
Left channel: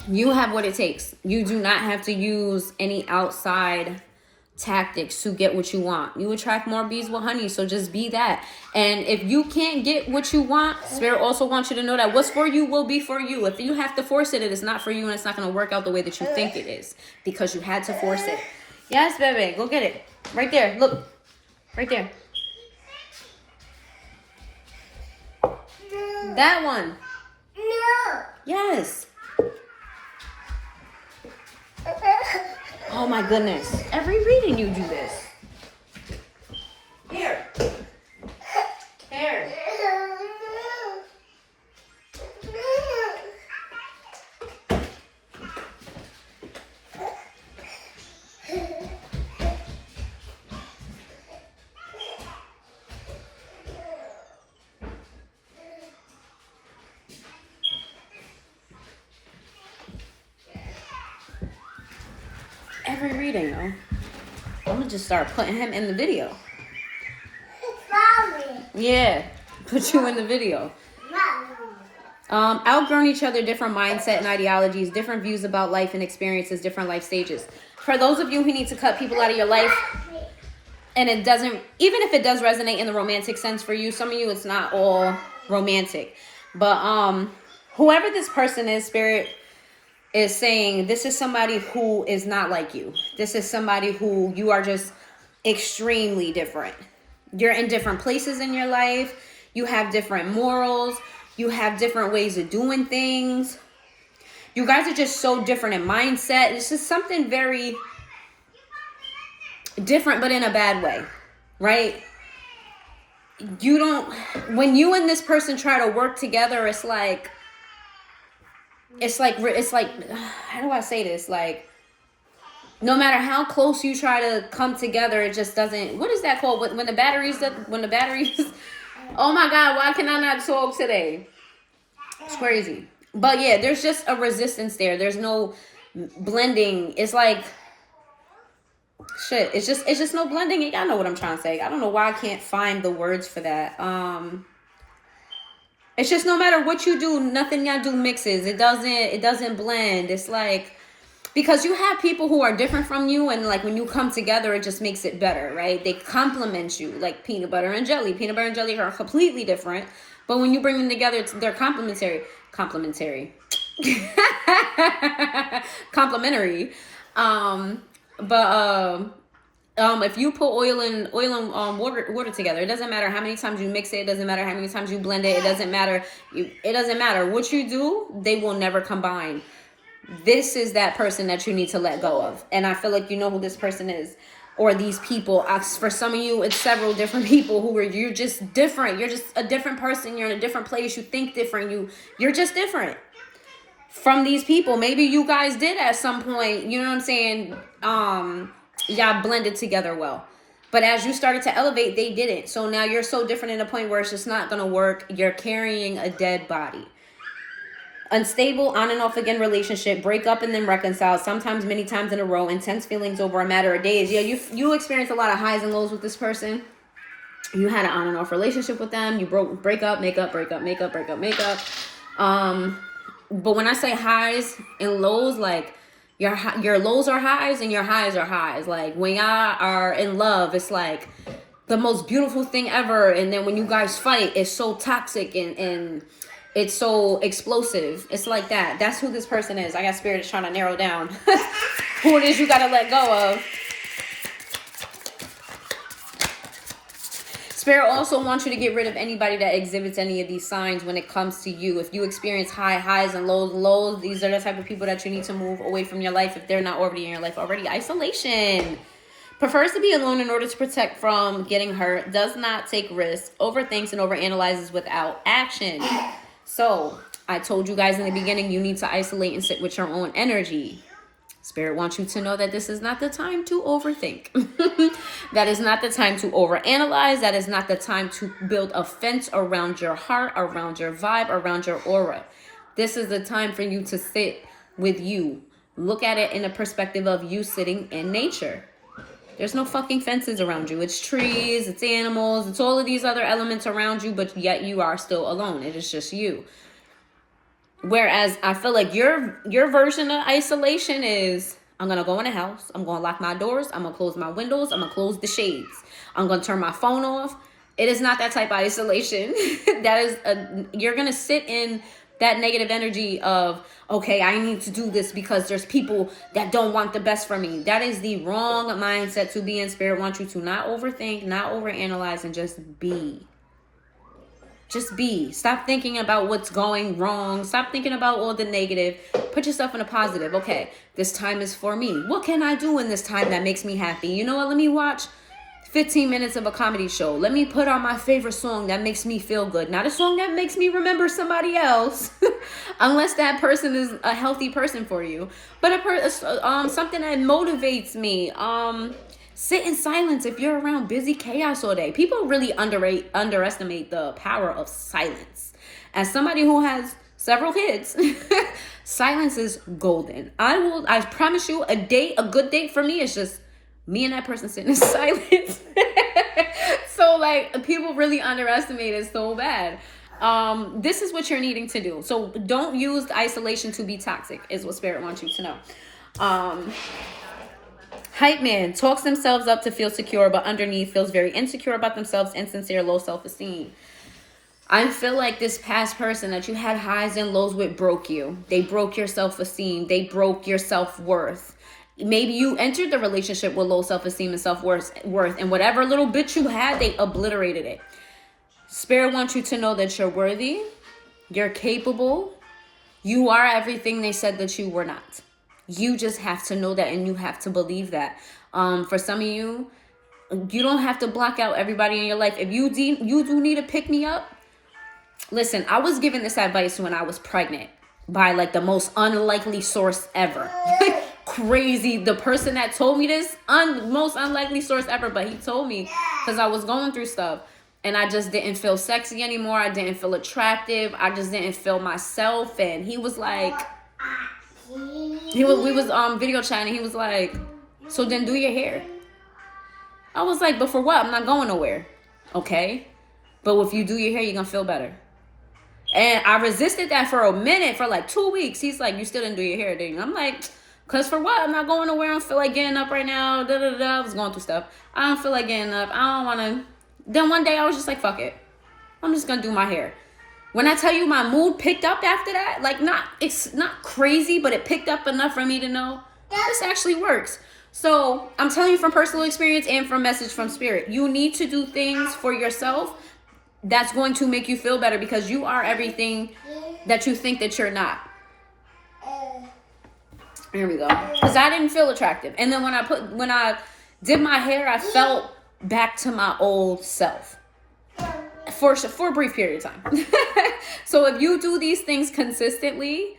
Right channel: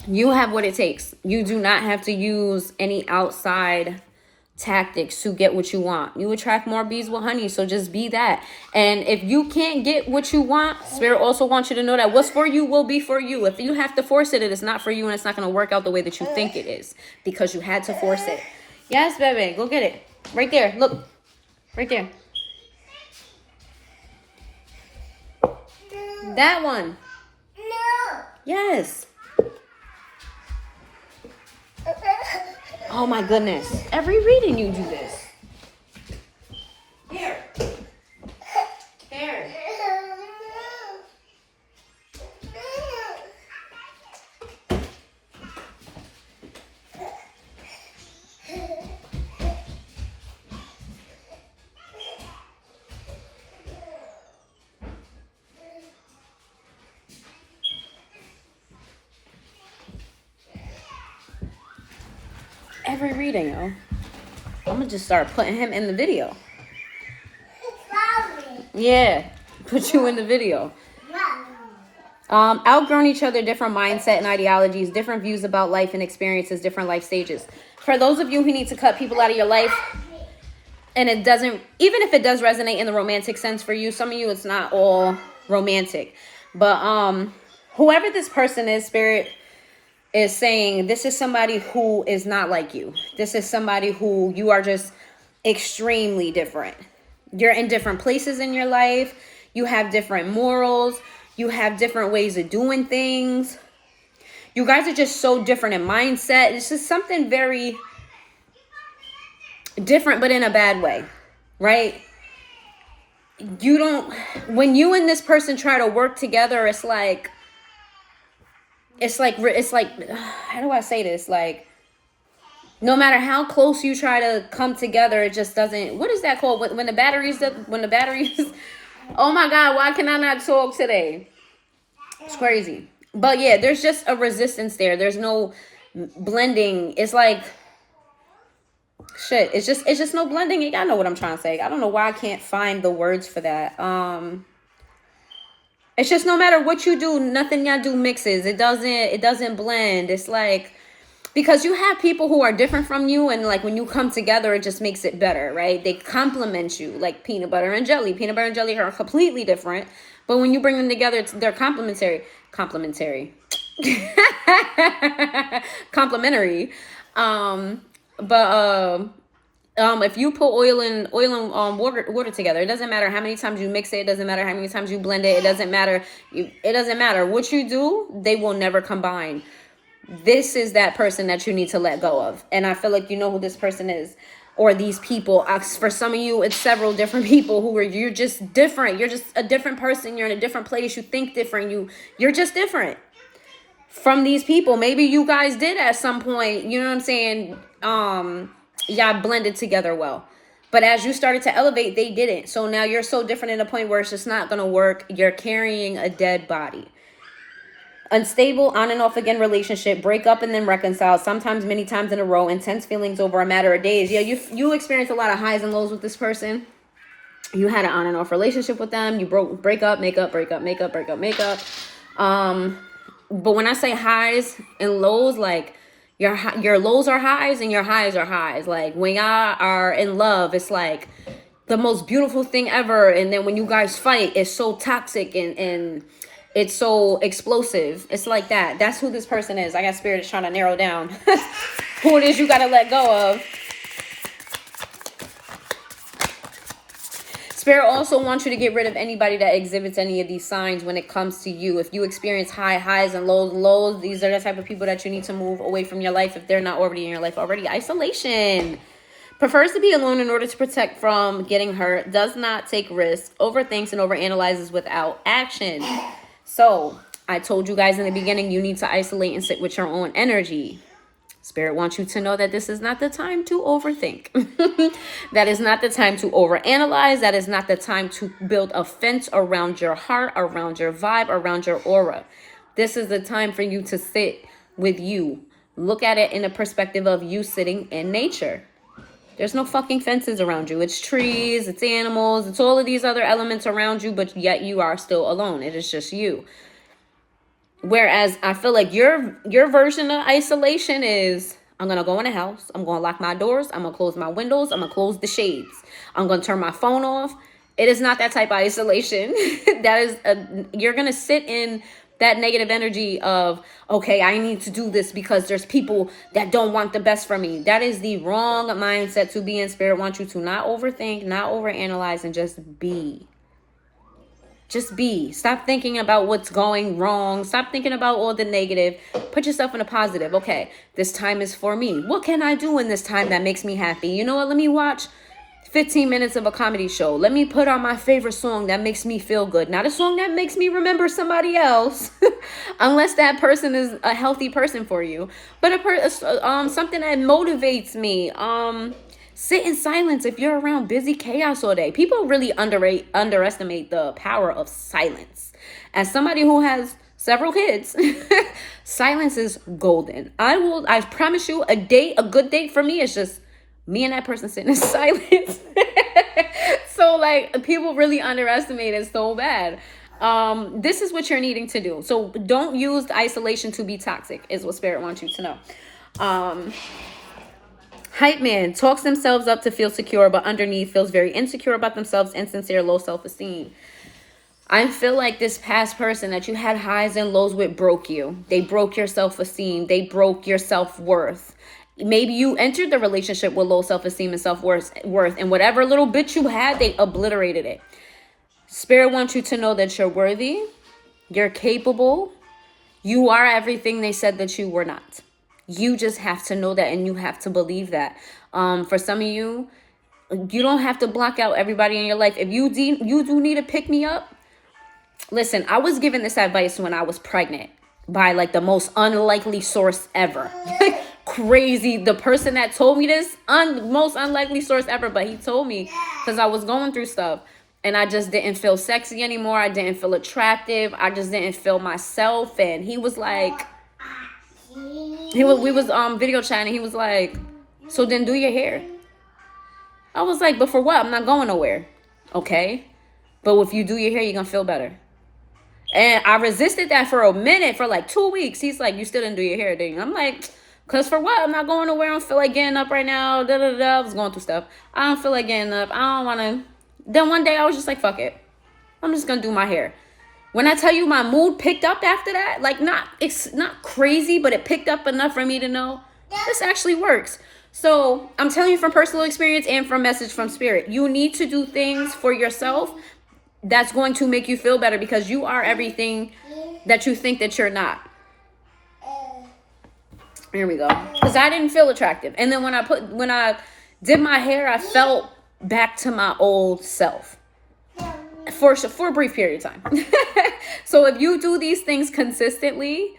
You have what it takes. You do not have to use any outside tactics to get what you want. You attract more bees with honey, so just be that. And if you can't get what you want, Spirit also wants you to know that what's for you will be for you. If you have to force it, it is not for you, and it's not going to work out the way that you think it is because you had to force it. Yes, baby, go get it. Right there. Look. Right there. That one. No. Yes. Oh my goodness. Every reading you do this. Here. Here. Every reading, yo. I'm gonna just start putting him in the video. Yeah, put you in the video. Outgrown each other, different mindset and ideologies, different views about life and experiences, different life stages. For those of you who need to cut people out of your life, and it doesn't, even if it does resonate in the romantic sense for you, some of you it's not all romantic. But whoever this person is, Spirit is saying this is somebody who is not like you. This is somebody who you are just extremely different. You're in different places in your life. You have different morals. You have different ways of doing things. You guys are just so different in mindset. This is something very different, but in a bad way, right? You don't, when you and this person try to work together, it's like, how do I say this? Like, no matter how close you try to come together, it just doesn't, what is that called? When the batteries, oh my God, why can I not talk today? It's crazy. But yeah, there's just a resistance there. There's no blending. It's like, shit, it's just no blending. Y'all know what I'm trying to say. I don't know why I can't find the words for that. It's just no matter what you do, nothing y'all do mixes. It doesn't blend. It's like, because you have people who are different from you, and like when you come together, it just makes it better, right? They complement you, like peanut butter and jelly. Peanut butter and jelly are completely different, but when you bring them together, they're complementary. Complementary. If you put oil and water together, it doesn't matter how many times you mix it. It doesn't matter how many times you blend it. It doesn't matter. It doesn't matter what you do. They will never combine. This is that person that you need to let go of. And I feel like you know who this person is, or these people. For some of you, it's several different people you're just different. You're just a different person. You're in a different place. You think different. You're just different from these people. Maybe you guys did at some point, you know what I'm saying? Y'all blended together well. But as you started to elevate, they didn't. So now you're so different in a point where it's just not going to work. You're carrying a dead body. Unstable, on and off again relationship, break up and then reconcile, sometimes many times in a row, intense feelings over a matter of days. Yeah, you experienced a lot of highs and lows with this person. You had an on and off relationship with them. You break up, make up, break up, make up, break up, make up. But when I say highs and lows, like your lows are highs and your highs are highs. Like when y'all are in love, it's like the most beautiful thing ever. And then when you guys fight, it's so toxic and it's so explosive. It's like that. That's who this person is. I got Spirit is trying to narrow down who it is you got to let go of. Spirit also wants you to get rid of anybody that exhibits any of these signs when it comes to you. If you experience highs and lows, these are the type of people that you need to move away from your life if they're not already in your life already. Isolation. Prefers to be alone in order to protect from getting hurt. Does not take risks. Overthinks and overanalyzes without action. So, I told you guys in the beginning, you need to isolate and sit with your own energy. Spirit wants you to know that this is not the time to overthink. That is not the time to overanalyze. That is not the time to build a fence around your heart, around your vibe, around your aura. This is the time for you to sit with you. Look at it in the perspective of you sitting in nature. There's no fucking fences around you. It's trees, it's animals, it's all of these other elements around you, but yet you are still alone. It is just you. Whereas I feel like your version of isolation is, I'm going to go in the house. I'm going to lock my doors. I'm going to close my windows. I'm going to close the shades. I'm going to turn my phone off. It is not that type of isolation. You're going to sit in that negative energy of, okay, I need to do this because there's people that don't want the best for me. That is the wrong mindset to be in. Spirit wants you to not overthink, not overanalyze, and just be. Just be. Stop thinking about what's going wrong. Stop thinking about all the negative. Put yourself in a positive. Okay, this time is for me. What can I do in this time that makes me happy? You know what? Let me watch 15 minutes of a comedy show. Let me put on my favorite song that makes me feel good. Not a song that makes me remember somebody else. Unless that person is a healthy person for you. But something that motivates me. Sit in silence if you're around busy chaos all day. People really underestimate the power of silence. As somebody who has several kids, silence is golden. I promise you, a good date for me is just me and that person sitting in silence. So like, people really underestimate it so bad. This is what you're needing to do. So don't use isolation to be toxic, is what Spirit wants you to know. Hype man talks themselves up to feel secure, but underneath feels very insecure about themselves, insincere, low self-esteem. I feel like this past person that you had highs and lows with broke you. They broke your self-esteem. They broke your self-worth. Maybe you entered the relationship with low self-esteem and self-worth, and whatever little bit you had, they obliterated it. Spirit wants you to know that you're worthy. You're capable. You are everything they said that you were not. You just have to know that, and you have to believe that. For some of you, you don't have to block out everybody in your life. If you do need to pick me up, listen, I was given this advice when I was pregnant by like the most unlikely source ever. Crazy. The person that told me this, most unlikely source ever, but he told me because I was going through stuff and I just didn't feel sexy anymore. I didn't feel attractive. I just didn't feel myself. And he was like, we was video chatting. He was like, so then do your hair. I was like, but for what? I'm not going nowhere. Okay. But if you do your hair, you're going to feel better. And I resisted that for a minute, for like 2 weeks. He's like, you still didn't do your hair, did you? I'm like, because for what? I'm not going nowhere. I don't feel like getting up right now. I was going through stuff. I don't feel like getting up. I don't want to. Then one day I was just like, fuck it. I'm just going to do my hair. When I tell you my mood picked up after that, like it's not crazy, but it picked up enough for me to know this actually works. So I'm telling you from personal experience and from message from Spirit, you need to do things for yourself that's going to make you feel better, because you are everything that you think that you're not. Here we go. Because I didn't feel attractive. And then when I did my hair, I felt back to my old self. For a brief period of time. So if you do these things consistently,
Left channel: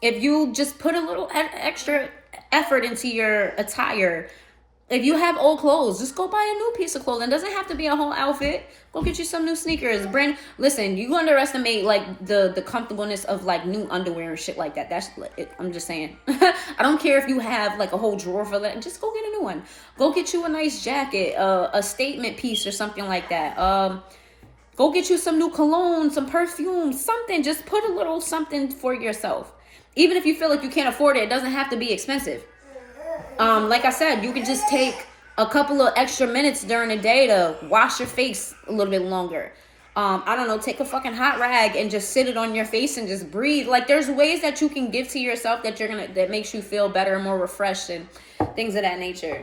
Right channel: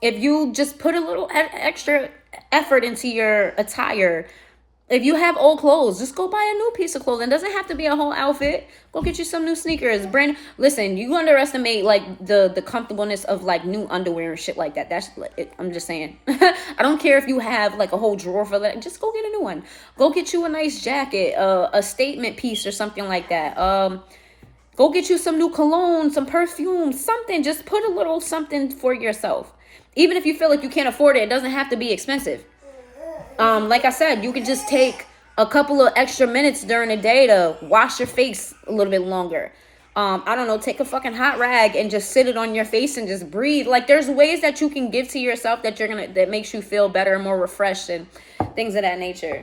if you just put a little extra effort into your attire, if you have old clothes, just go buy a new piece of clothing. It doesn't have to be a whole outfit. Go get you some new sneakers. Listen, you underestimate like the comfortableness of like new underwear and shit like that. That's it. I'm just saying. I don't care if you have like a whole drawer for that. Just go get a new one. Go get you a nice jacket, a statement piece or something like that. Go get you some new cologne, some perfume, something. Just put a little something for yourself. Even if you feel like you can't afford it, it doesn't have to be expensive. Like I said, you can just take a couple of extra minutes during the day to wash your face a little bit longer. I don't know, take a fucking hot rag and just sit it on your face and just breathe. Like there's ways that you can give to yourself that makes you feel better, more refreshed, and things of that nature.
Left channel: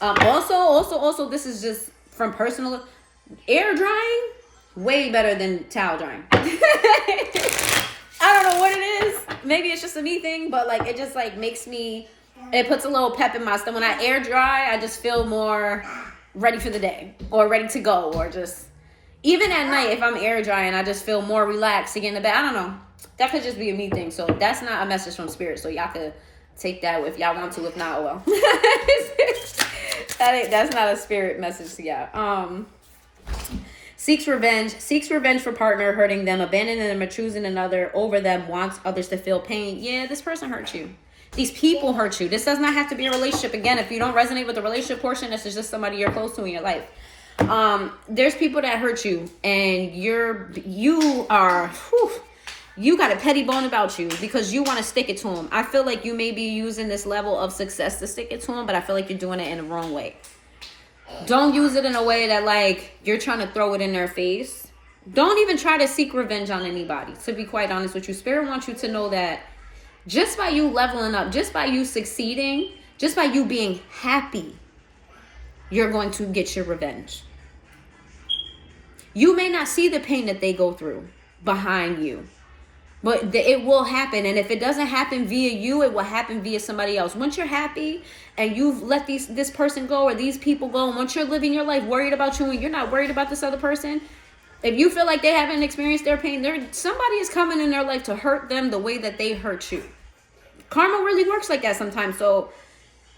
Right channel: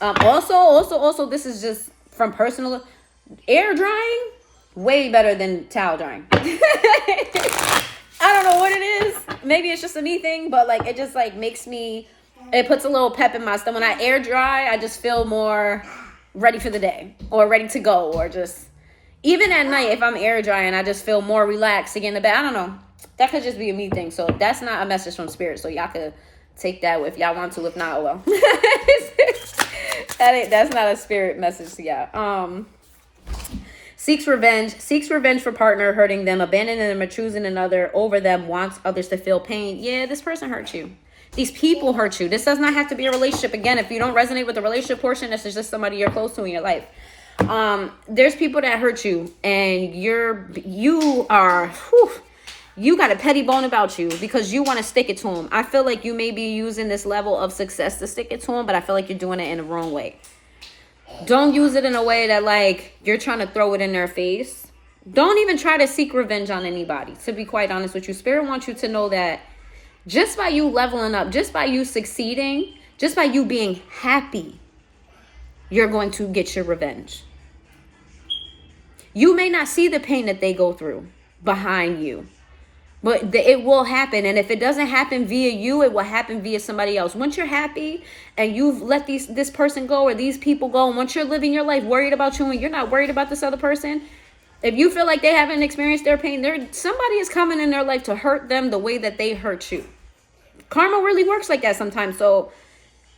Also, this is just from personal. Air drying, way better than towel drying. I don't know what it is. Maybe it's just a me thing, but like it just like makes me, it puts a little pep in my stomach. When I air dry, I just feel more ready for the day or ready to go, or just even at night if I'm air drying, I just feel more relaxed to get in the bed. I don't know. That could just be a me thing. So that's not a message from spirit. So y'all could take that if y'all want to. If not, well. That's not a spirit message to y'all. Seeks revenge for partner hurting them, abandoning them, or choosing another over them, wants others to feel pain. Yeah, this person hurt you. These people hurt you. This does not have to be a relationship. Again, if you don't resonate with the relationship portion, this is just somebody you're close to in your life. There's people that hurt you, and you got a petty bone about you because you want to stick it to them. I feel like you may be using this level of success to stick it to them, but I feel like you're doing it in the wrong way. Don't use it in a way that like you're trying to throw it in their face. Don't even try to seek revenge on anybody, to be quite honest with you. Spirit wants you to know that just by you leveling up, just by you succeeding, just by you being happy, you're going to get your revenge. You may not see the pain that they go through behind you, but it will happen. And if it doesn't happen via you, it will happen via somebody else. Once you're happy and you've let this person go or these people go, and once you're living your life worried about you and you're not worried about this other person, if you feel like they haven't experienced their pain, somebody is coming in their life to hurt them the way that they hurt you. Karma really works like that sometimes. So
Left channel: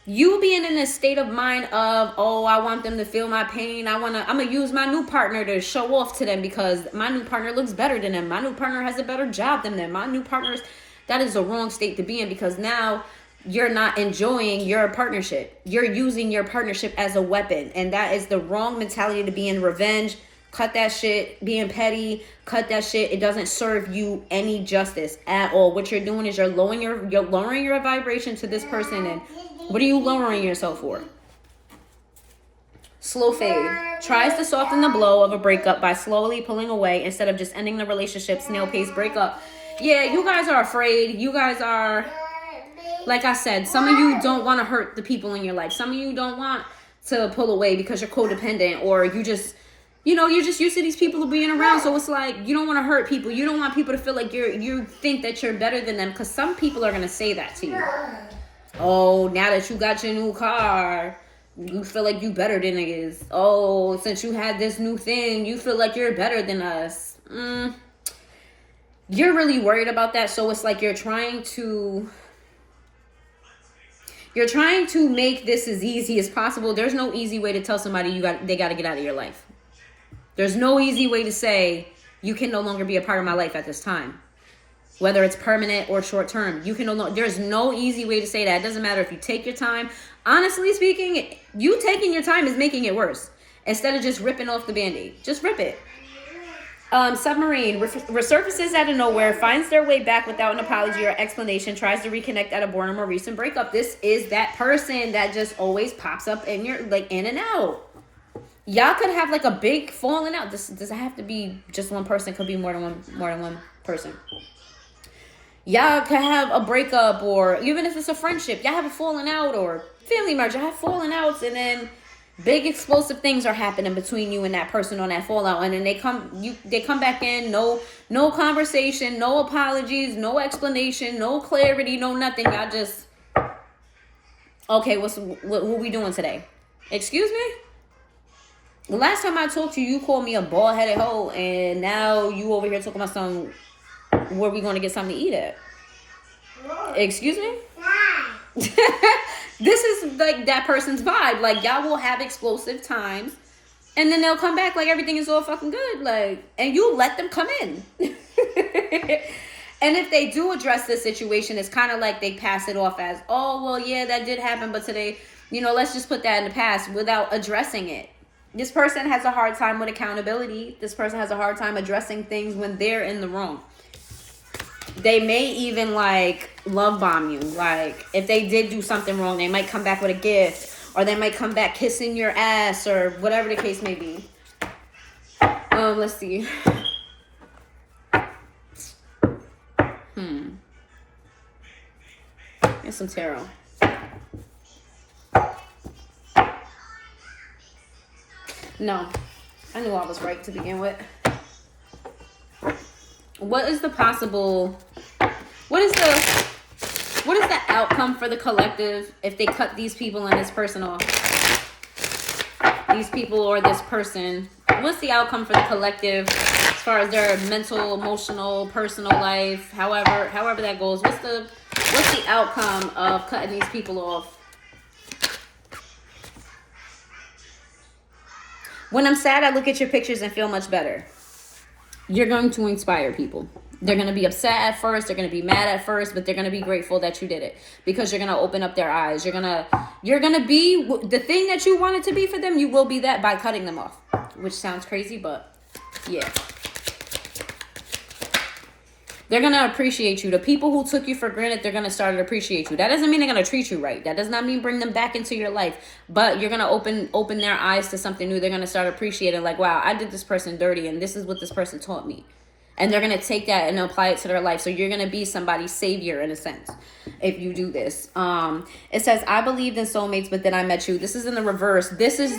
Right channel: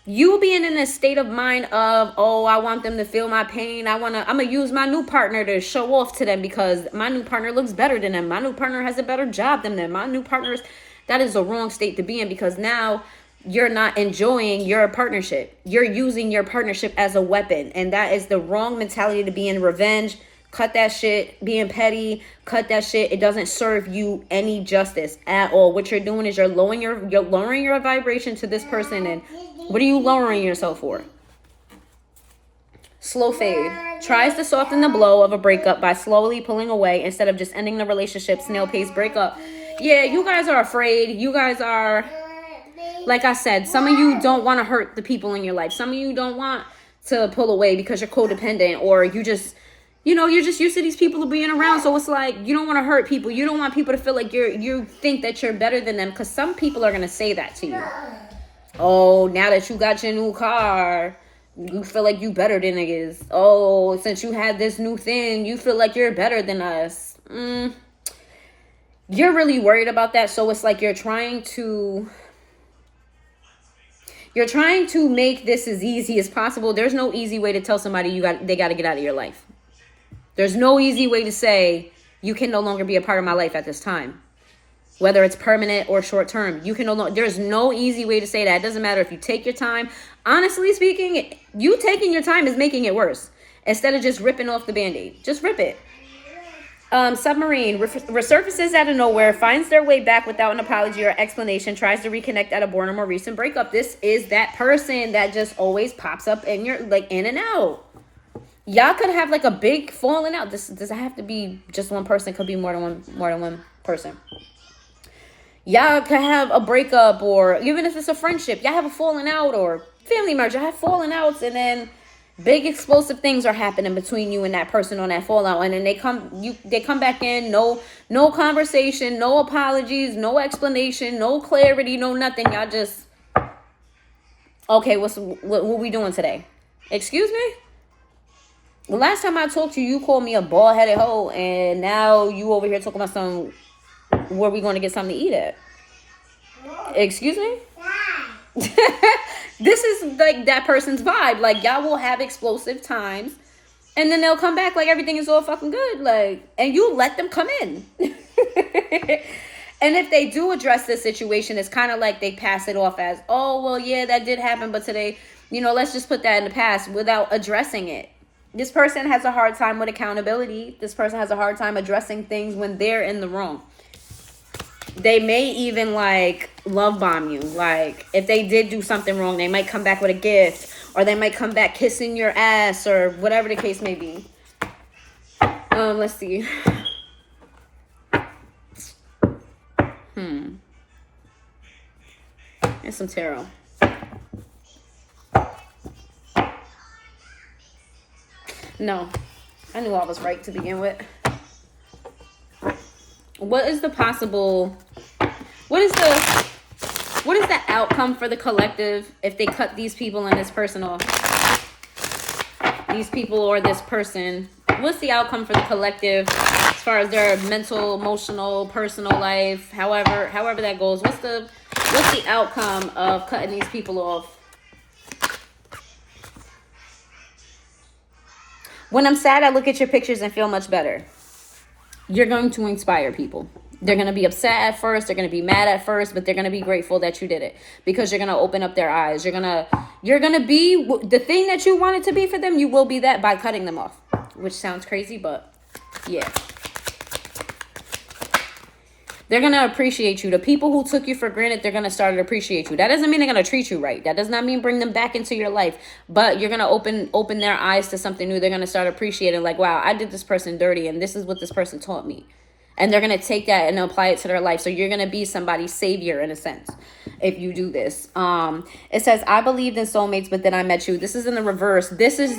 you being in this state of mind of, oh, I want them to feel my pain. I'm going to use my new partner to show off to them because my new partner looks better than them. My new partner has a better job than them. My new partner's, that is a wrong state to be in, because now you're not enjoying your partnership. You're using your partnership as a weapon. And that is the wrong mentality to be in. Revenge. Cut that shit. Being petty. Cut that shit. It doesn't serve you any justice at all. What you're doing is you're lowering your vibration to this person. And what are you lowering yourself for? Slow fade. Tries to soften the blow of a breakup by slowly pulling away instead of just ending the relationship. Snail pace breakup. Yeah, you guys are afraid. You guys are, like I said, some of you don't want to hurt the people in your life. Some of you don't want to pull away because you're codependent, or you just, you're just used to these people being around. So it's like you don't want to hurt people. You don't want people to feel like you think that you're better than them, because some people are going to say that to you. Oh, now that you got your new car, you feel like you better than niggas. Oh, since you had this new thing, you feel like you're better than us. You're really worried about that. So it's like you're trying to make this as easy as possible. There's no easy way to tell somebody they got to get out of your life. There's no easy way to say you can no longer be a part of my life at this time. Whether it's permanent or short term, there's no easy way to say that. It doesn't matter if you take your time. Honestly speaking, you taking your time is making it worse. Instead of just ripping off the Band-Aid, just rip it. Submarine resurfaces out of nowhere, finds their way back without an apology or explanation, tries to reconnect at a boredom or recent breakup. This is that person that just always pops up in your, like, in and out. Y'all could have like a big falling out. This doesn't have to be just one person. It could be more than one person. Y'all can have a breakup, or even if it's a friendship, y'all have a falling out, or family merger, have falling outs, and then big explosive things are happening between you and that person on that fallout, and then they come back in, no conversation, no apologies, no explanation, no clarity, no nothing. Y'all just, okay, what we doing today? Excuse me? The last time I talked to you, you called me a bald-headed hoe, and now you over here talking about some, where we going to get something to eat at? Excuse me? This is like that person's vibe. Like, y'all will have explosive times, and then they'll come back like everything is all fucking good. Like, and you let them come in. And if they do address this situation, it's kind of like they pass it off as, oh, well, yeah, that did happen, but today, let's just put that in the past, without addressing it. This person has a hard time with accountability. This person has a hard time addressing things when they're in the wrong. They may even like love bomb you. Like, if they did do something wrong, they might come back with a gift, or they might come back kissing your ass, or whatever the case may be. Let's see. There's some tarot. No, I knew I was right to begin with. What is the outcome for the collective if they cut these people and this person off? These people or this person. What's the outcome for the collective as far as their mental, emotional, personal life, however that goes? What's the outcome of cutting these people off? When I'm sad, I look at your pictures and feel much better. You're going to inspire people. They're going to be upset at first. They're going to be mad at first, but they're going to be grateful that you did it because you're going to open up their eyes. You're going to be the thing that you wanted to be for them. You will be that by cutting them off, which sounds crazy, but yeah. They're going to appreciate you. The people who took you for granted, they're going to start to appreciate you. That doesn't mean they're going to treat you right. That does not mean bring them back into your life. But you're going to open their eyes to something new. They're going to start appreciating like, wow, I did this person dirty and this is what this person taught me. And they're going to take that and apply it to their life. So you're going to be somebody's savior in a sense if you do this. It says, I believed in soulmates, but then I met you. This is in the reverse. This is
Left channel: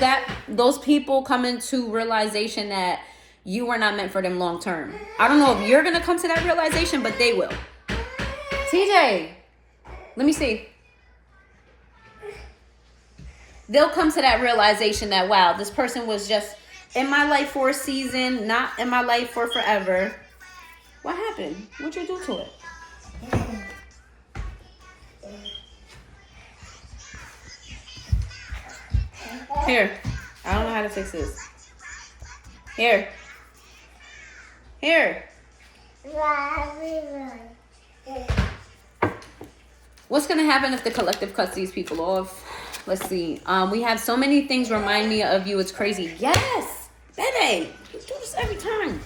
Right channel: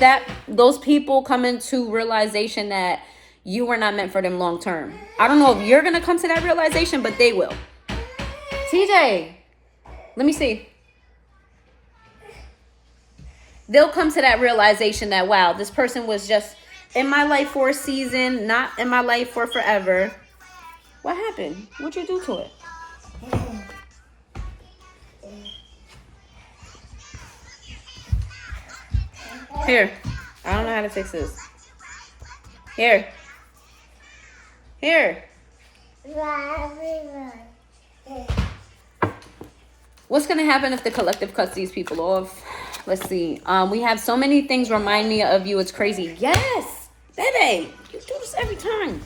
that those people come into realization that you were not meant for them long term. I don't know if you're going to come to that realization, but they will. TJ, let me see. They'll come to that realization that, wow, this person was just in my life for a season, not in my life for forever. What happened? What'd you do to it? Here. I don't know how to fix this. Here. What's going to happen if the collective cuts these people off? Let's see. We have so many things remind me of you. It's crazy. Yes, baby. You do this every time.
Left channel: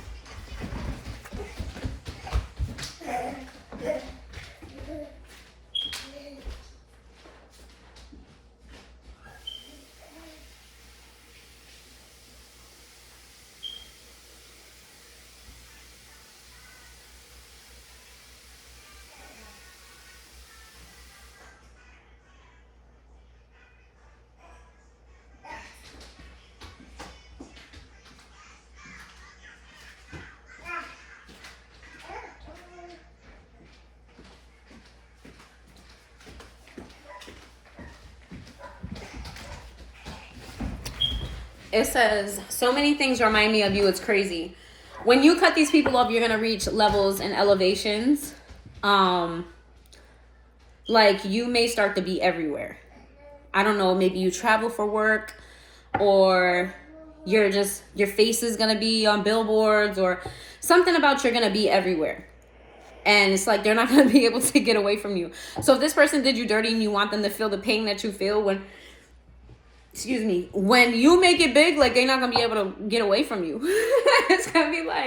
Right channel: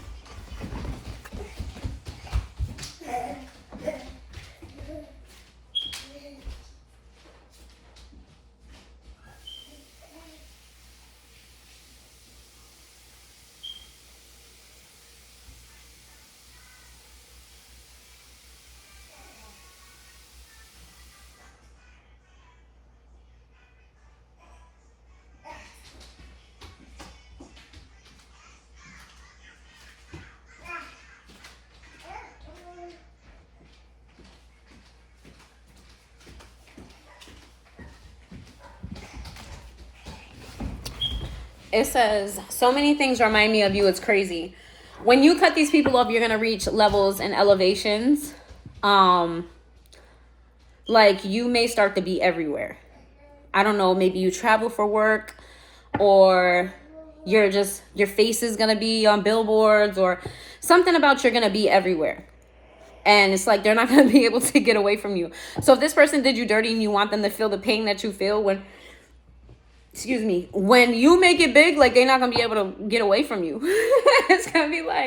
It says, so many things remind me of you. It's crazy. When you cut these people off, you're going to reach levels and elevations. Like you may start to be everywhere. I don't know. Maybe you travel for work or your face is going to be on billboards or something about you're going to be everywhere. And it's like they're not going to be able to get away from you. So if this person did you dirty and you want them to feel the pain that you feel when you make it big, like they're not going to be able to get away from you. It's going to be like,